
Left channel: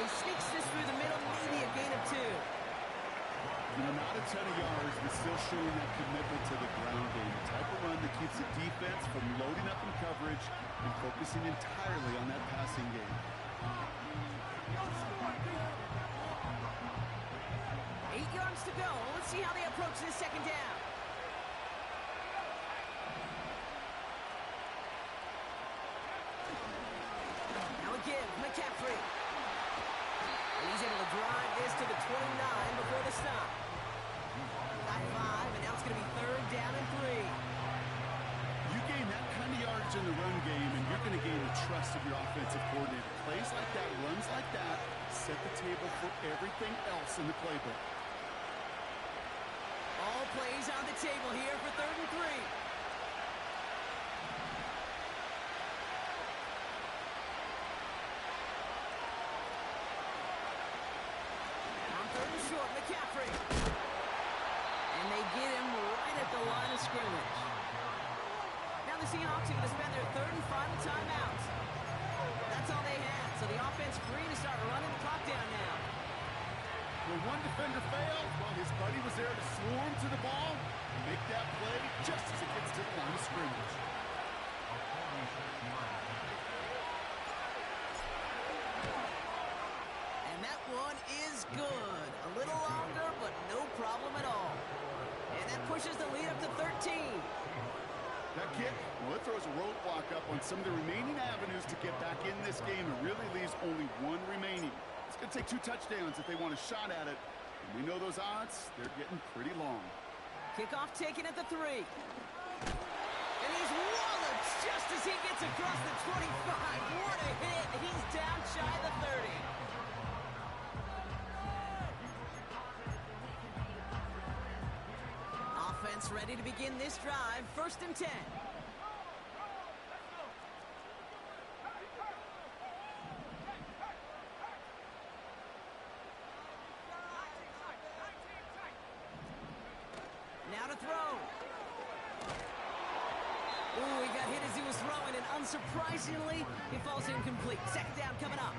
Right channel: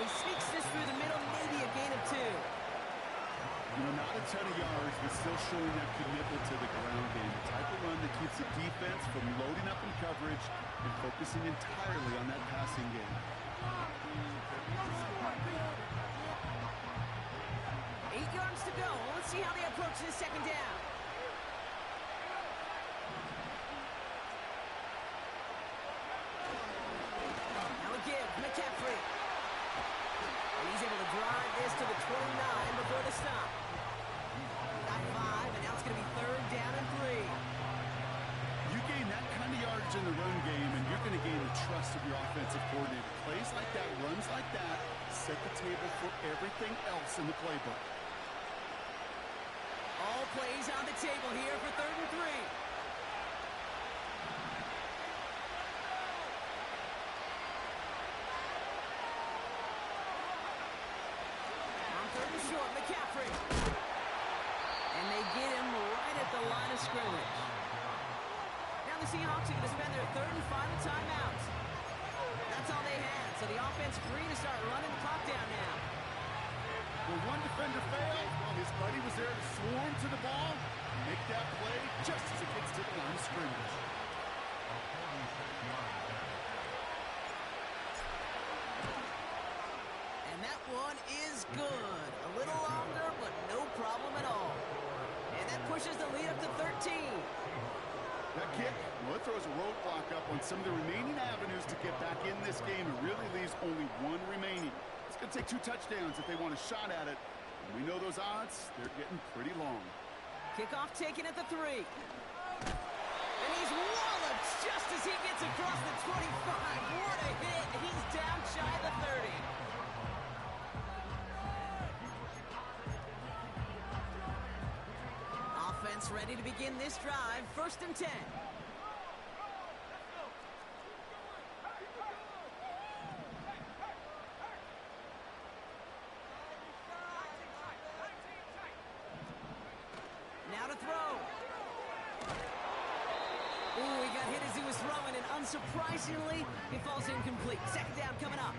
He sneaks this through the middle, maybe a gain of 2. You know, not a ton of yards, but still showing that commitment to the ground game. The type of run that keeps the defense from loading up in coverage and focusing entirely on that passing game. 8 yards to go. Let's see how they approach this second down. Now a give, McCaffrey. And he's able to drive this to the 29 before the stop. Got 5, and now it's going to be 3rd down and 3. You gain that kind of yardage in the run game, and you're going to gain the trust of your offensive coordinator. Plays like that, runs like that, set the table for everything else in the playbook. All plays on the table here for 3rd and 3. On 3rd and short, McCaffrey. And they get him right at the line of scrimmage. Now the Seahawks are going to spend their 3rd and final timeout. That's all they had, so the offense free to start running the clock down now. When one defender failed, well, his buddy was there to swarm to the ball and make that play just as it gets to the line of scrimmage. A 46-yard And that one is good. A little longer, but no problem at all. And that pushes the lead up to 13. That kick, well, it throws a roadblock up on some of the remaining avenues to get back in this game and really leaves only one remaining. It's going to take 2 touchdowns if they want a shot at it. And we know those odds, they're getting pretty long. Kickoff taken at the 3. And he's walloped just as he gets across the 25. What a hit. He's down shy of the 30. Offense ready to begin this drive. 1st and 10. Now to throw. Ooh, he got hit as he was throwing, and unsurprisingly, he falls incomplete. Second down coming up.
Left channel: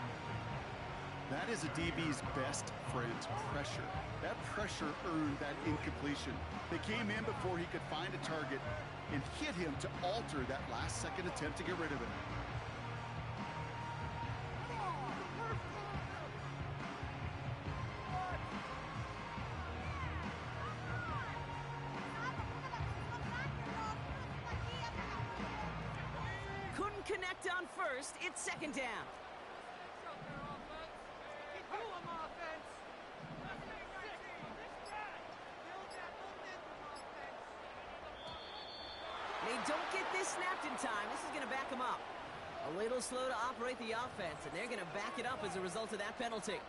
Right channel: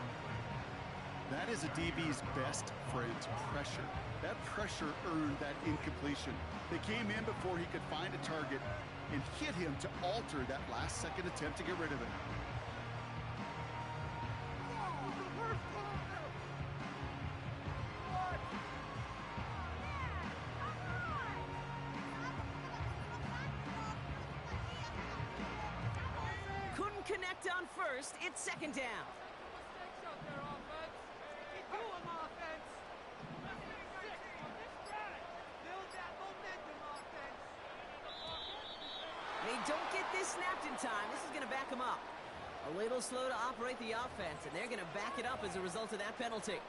That is a DB's best friend, pressure. That pressure earned that incompletion. They came in before he could find a target and hit him to alter that last-second attempt to get rid of it. sacked on first. It's second down. Mistakes out there, offense. Keep doing offense. Build that momentum, offense. They don't get this snapped in time. This is going to back them up. A little slow to operate the offense, and they're going to back it up as a result of that penalty.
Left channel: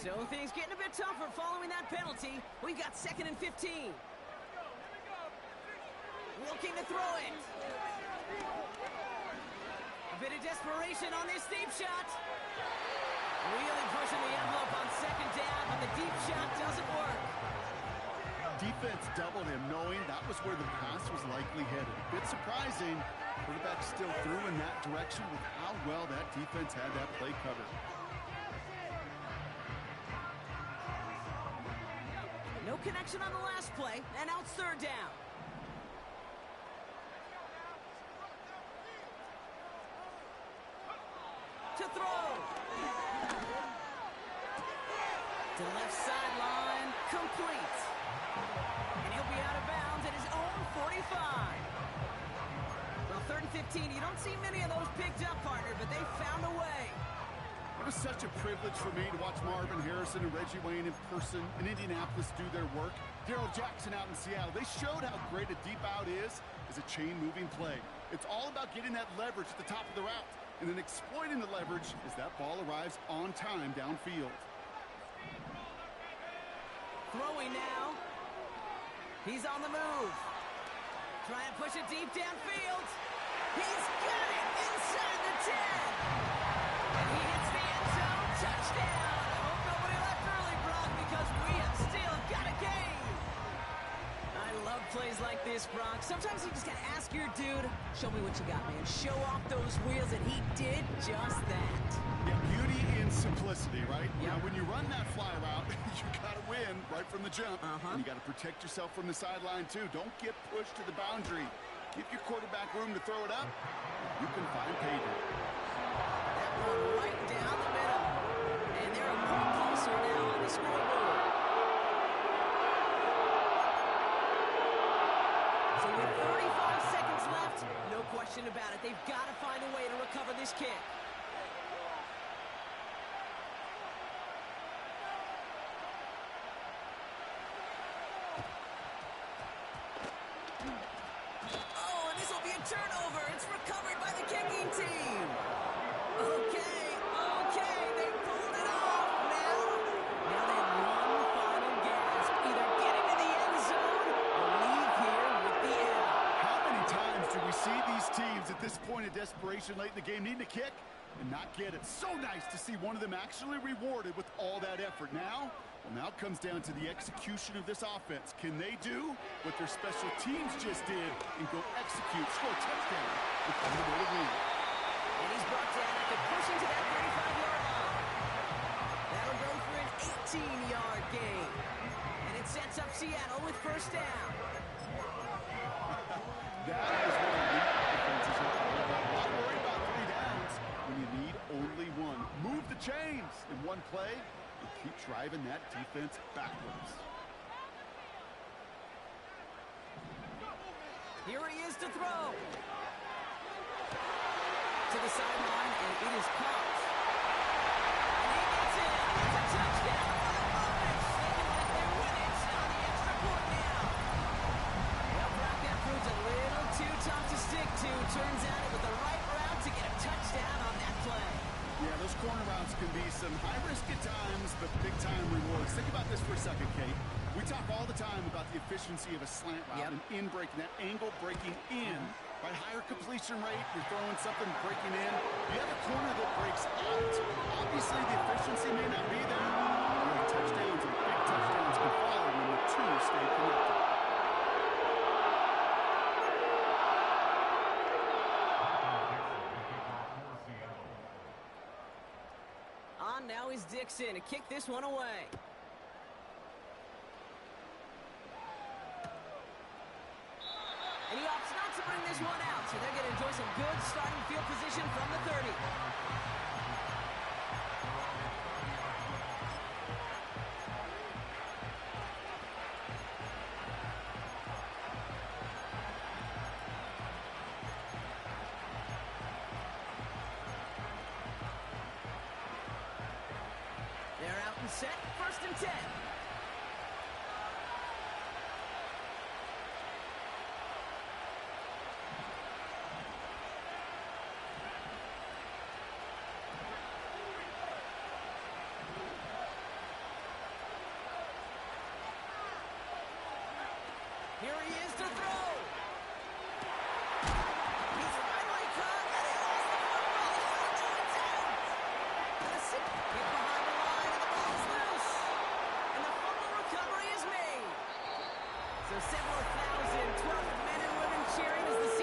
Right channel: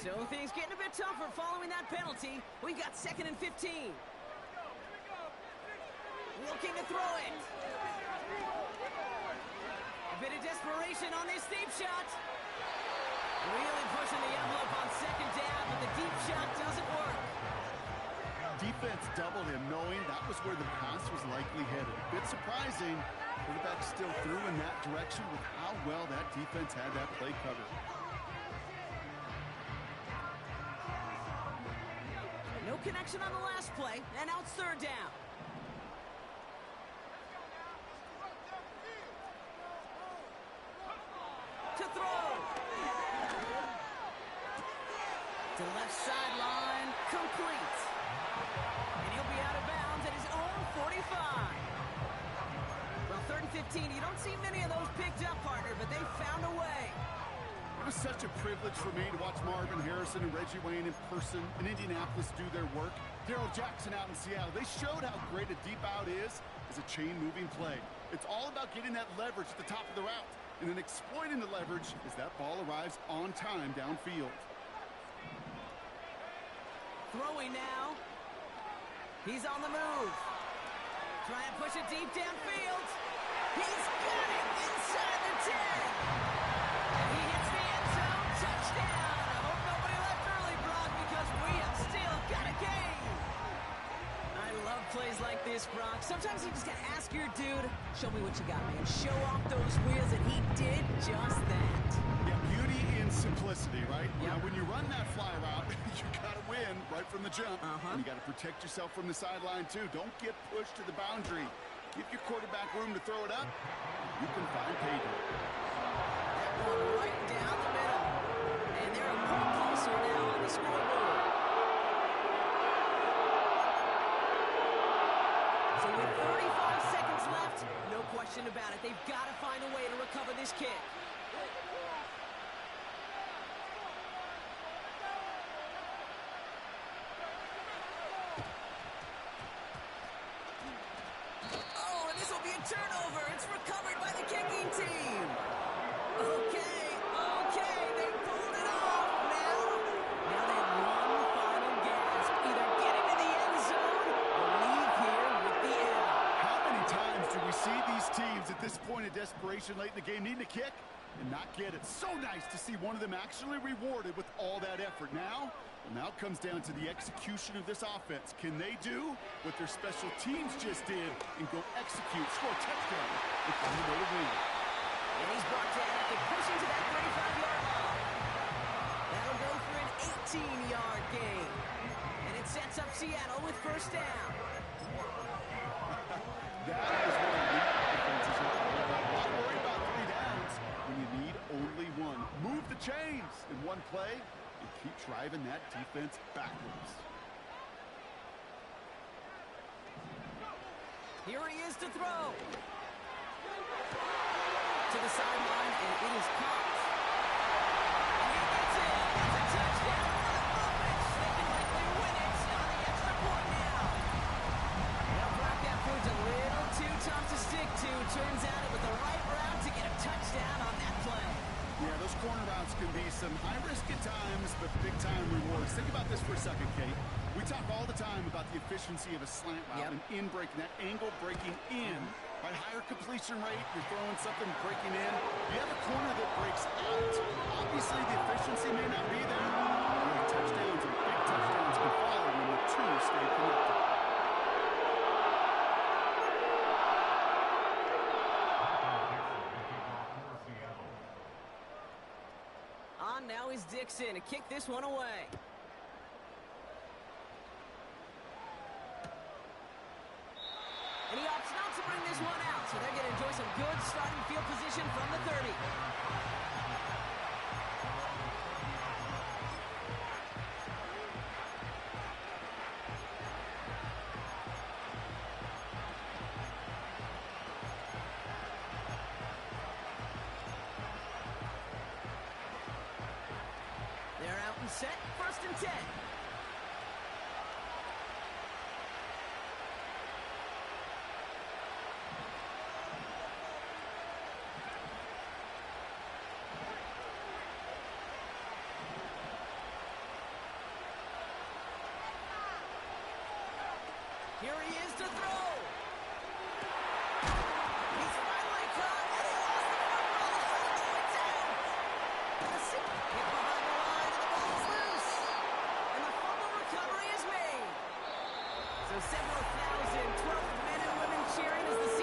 So things getting a bit tougher following that penalty. We've got 2nd and 15. Looking to throw it. A bit of desperation on this deep shot. Really pushing the envelope on second down, but the deep shot doesn't work. Defense doubled him, knowing that was where the pass was likely headed. A bit surprising. Quarterback still threw in that direction with how well that defense had that play covered. No connection on the last play, and now it's third down. To throw. To the left sideline, complete. And he'll be out of bounds at his own 45. Well, 3rd and 15, you don't see many of those picked up, partner, but they found a way. It was such a privilege for me to watch Marvin Harrison and Reggie Wayne in person in Indianapolis do their work. Darrell Jackson out in Seattle. They showed how great a deep out is as a chain-moving play. It's all about getting that leverage at the top of the route and then exploiting the leverage as that ball arrives on time downfield. Throwing now. He's on the move. Trying to push it deep downfield. He's got it inside the 10. And he hits the end zone. Touchdown. I hope nobody left early, Brock, because we have still got a game. I love plays like this, Brock. Sometimes you just got to ask your dude, show me what you got, man. Show off those wheels, and he did just that. Yeah, beauty in simplicity, right? Yep. Now, when you run that fly route, you got to win right from the jump. And you got to protect yourself from the sideline, too. Don't get pushed to the boundary. Give your quarterback room to throw it up. You can find pay dirt. That one right down the middle. And they're a point closer now on the scoreboard. So with 35 seconds left, no question about it. They've got to find a way to recover this kick. Oh, and this will be a turnover. It's recovered by the kicking team. Okay, they pulled it off. Now they have one final gasp. Either get into the end zone or leave here with the L. How many times do we see these teams at this point of desperation late in the game needing a kick and not get it? So nice to see one of them actually rewarded with all that effort. Now it comes down to the execution of this offense. Can they do what their special teams just did and go execute, score a touchdown, and find a way to win? And he's brought down after pushing to that 35-yard line. That'll go for an 18-yard gain. And it sets up Seattle with first down. That is what elite defenses are all about. Why worry about 3 downs when you need only one? Move the chains in one play and keep driving that defense backwards. Here he is to throw. To the sideline, and it is caught. And he gets in. It's a touchdown. What a moment. They can likely win it on the extra point now. Well, Brock, that proved a little too tough to stick to. Turns out it was the right route to get a touchdown on that play. Yeah, those corner routes can be some high risk at times, but big-time rewards. Think about this for a second, Kate. We talk all the time about the efficiency of a slant route and in breaking, that angle breaking in. Right, higher completion rate, you're throwing something breaking in. You have a corner that breaks out. Obviously, the efficiency may not be there. But touchdowns and big touchdowns can follow when the two stay connected. On now is Dixon to kick this one away. And he opts not to bring this one out, so they're going to enjoy some good starting field position from the 30. They're out and set, 1st and 10. Here he is to throw. He's finally caught, and he lost the football. It's out. And a sick hit behind the line, and the ball is loose. And the fumble recovery is made. So several thousand 12th men and women cheering as the